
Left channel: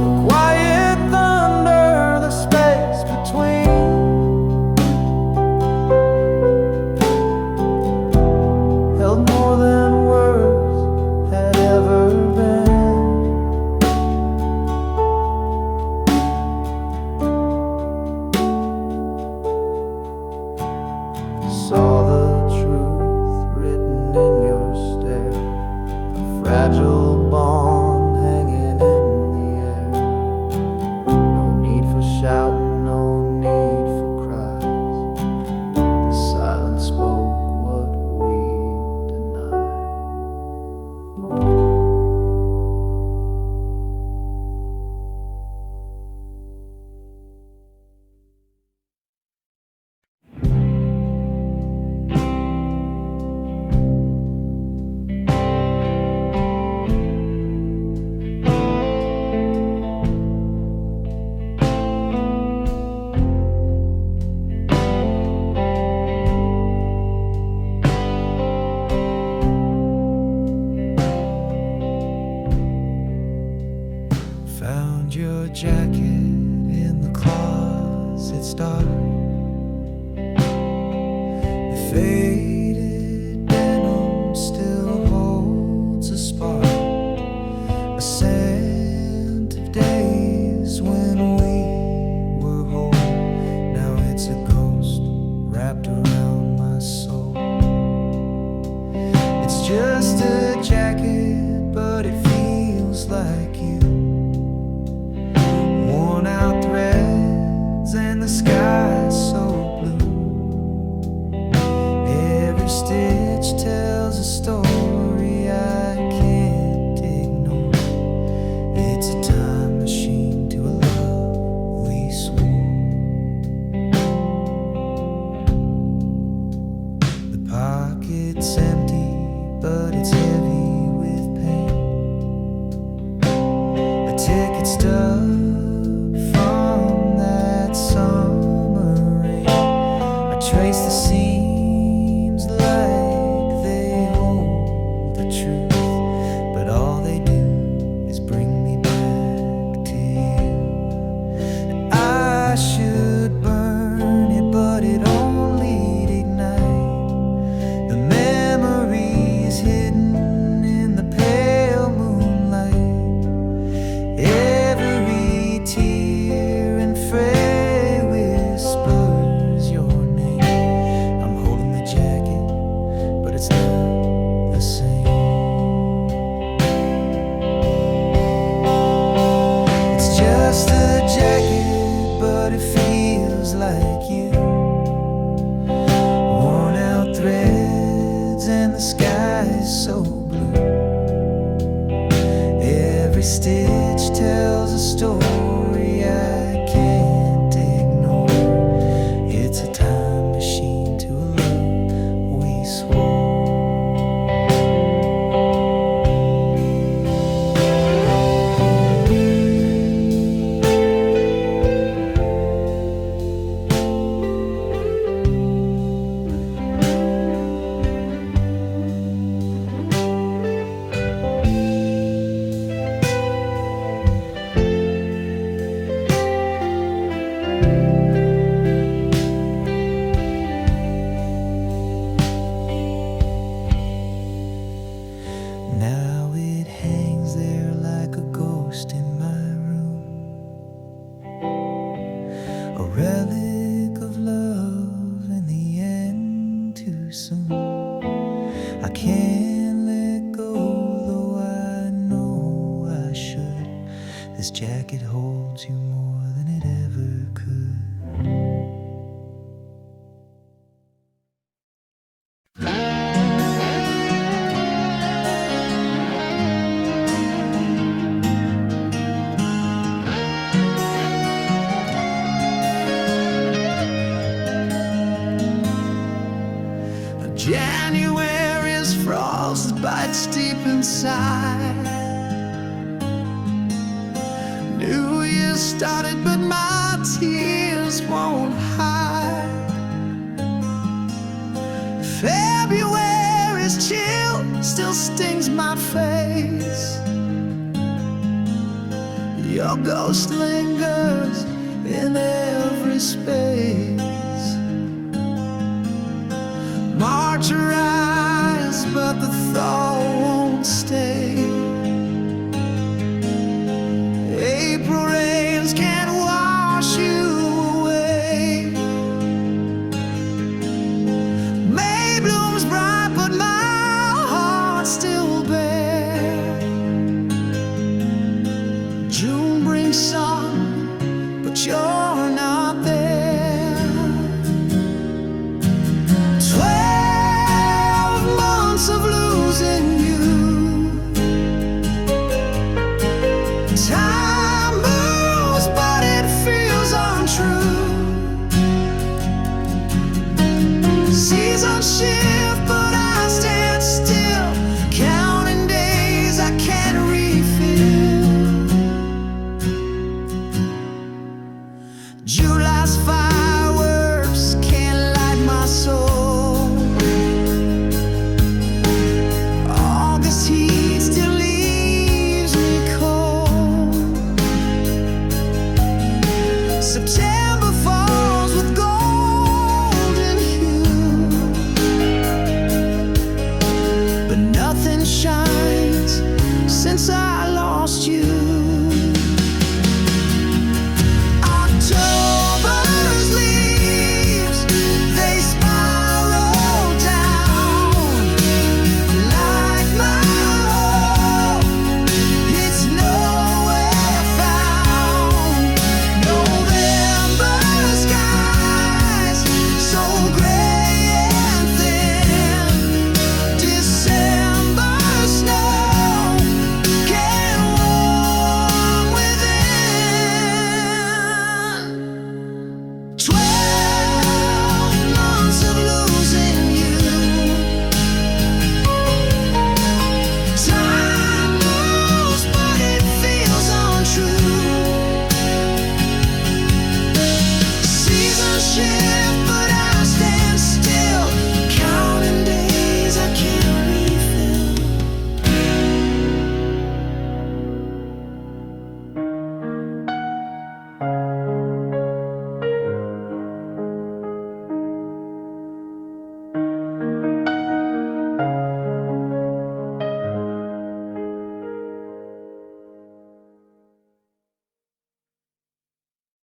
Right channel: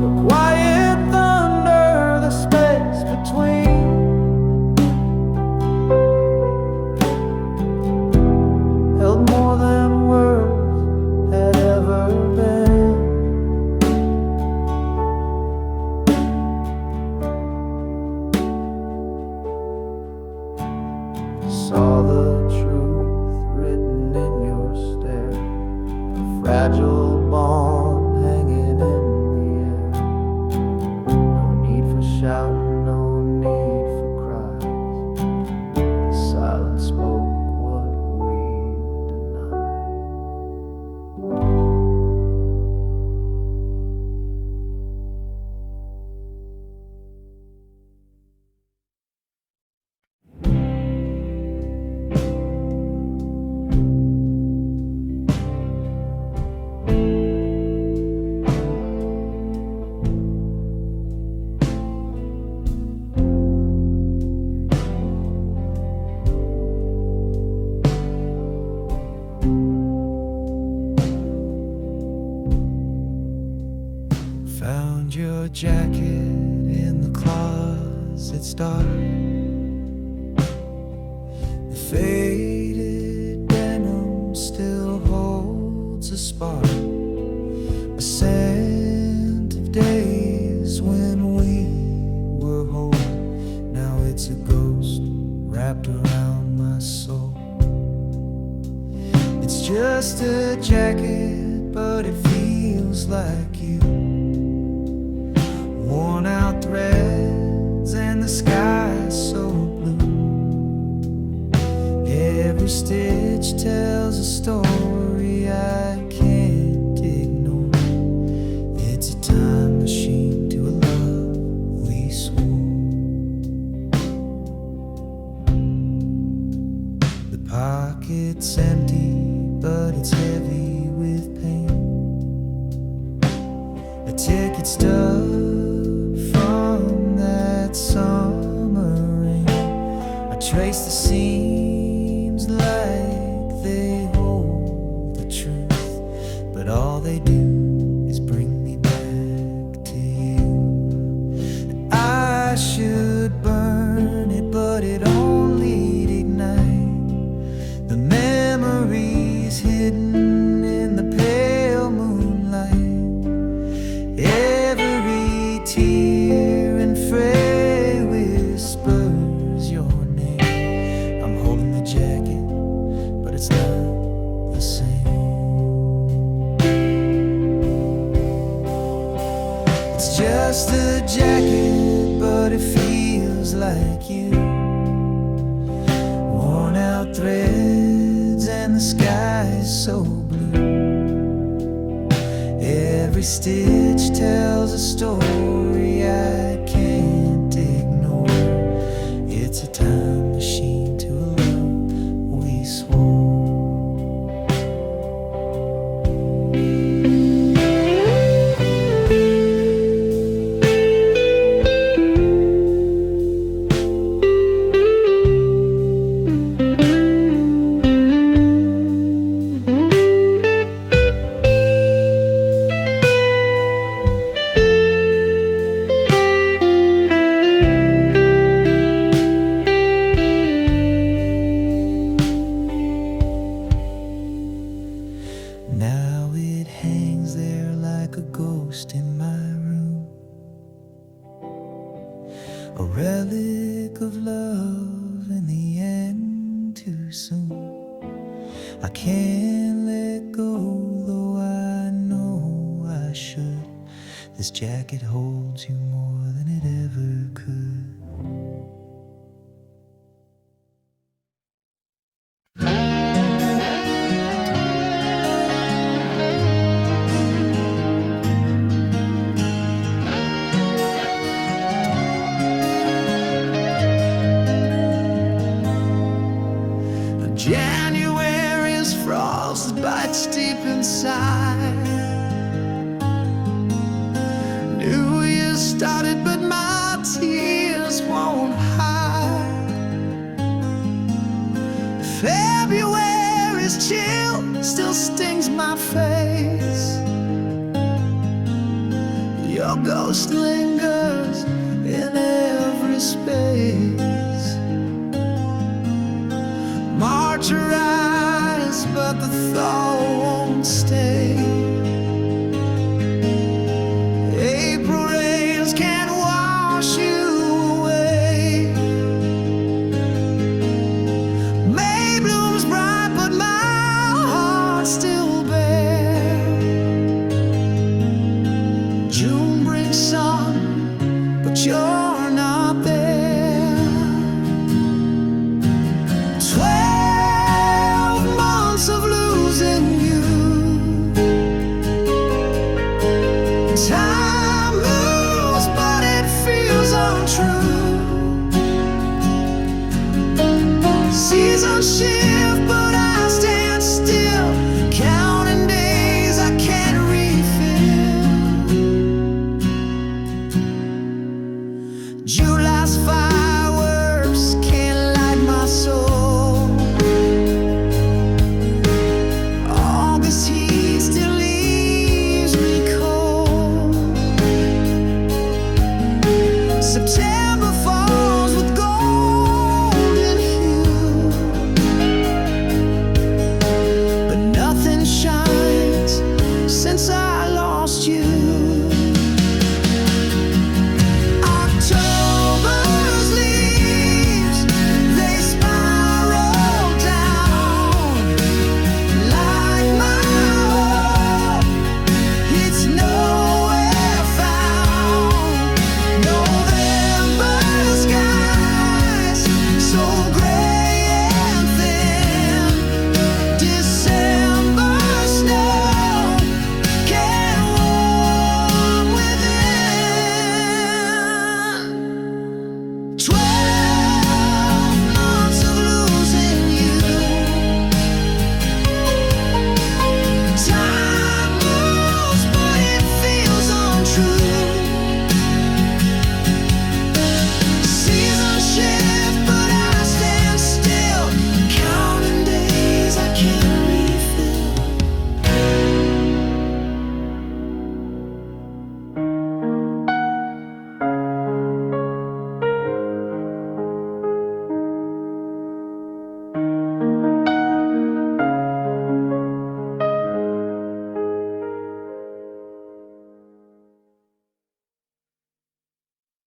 The quiet thunder, the space between. Held more than words had ever been. Saw the truth written in your stare, a fragile bond hanging in the air. No need for shouting, no need for cries. The silence spoke what we denied. find your jacket in the closet's dark. The faded denim still holds a spark, a scent of days when we were whole. Now it's a ghost wrapped around my soul. It's just a jacket, but it feels like you. Worn out threads and the sky's so blue. Every stitch tells a story I can't ignore. It's a time machine to a love we swore. The pocket's empty, but it's heavy with pain. A ticket stub from that summer rain. I trace the seams like they hold the truth, but all they do is bring me back to you. And I should burn it, but it only ignites the memories hidden in the pale moonlight. Every tear and fray whispers your name. I'm holding the jacket, but it's not the same. It's just a jacket, but it feels like you. Worn out threads and the sky's so blue. Every stitch tells a story I can't ignore. It's a time machine to a love we swore. Now it hangs there like a ghost in my room, a relic of love in the end too soon. I can't let go, though I know I should. This jacket holds you more than it ever could. January's frost bites deep inside. New Year started, but my tears won't hide. February's chill still stings my face. Your ghost lingers in every space. March arrives, but the thaw won't stay. April rains can't wash you away. May blooms bright, but my heart's still bare. June brings sun, but you're not there. 12 months of losing you. Time moves, but it feels untrue. Seasons shift, but I stand still, counting days I can't refill. July's fireworks can't light my soul. August heat still leaves me cold. nothing shines since I lost you.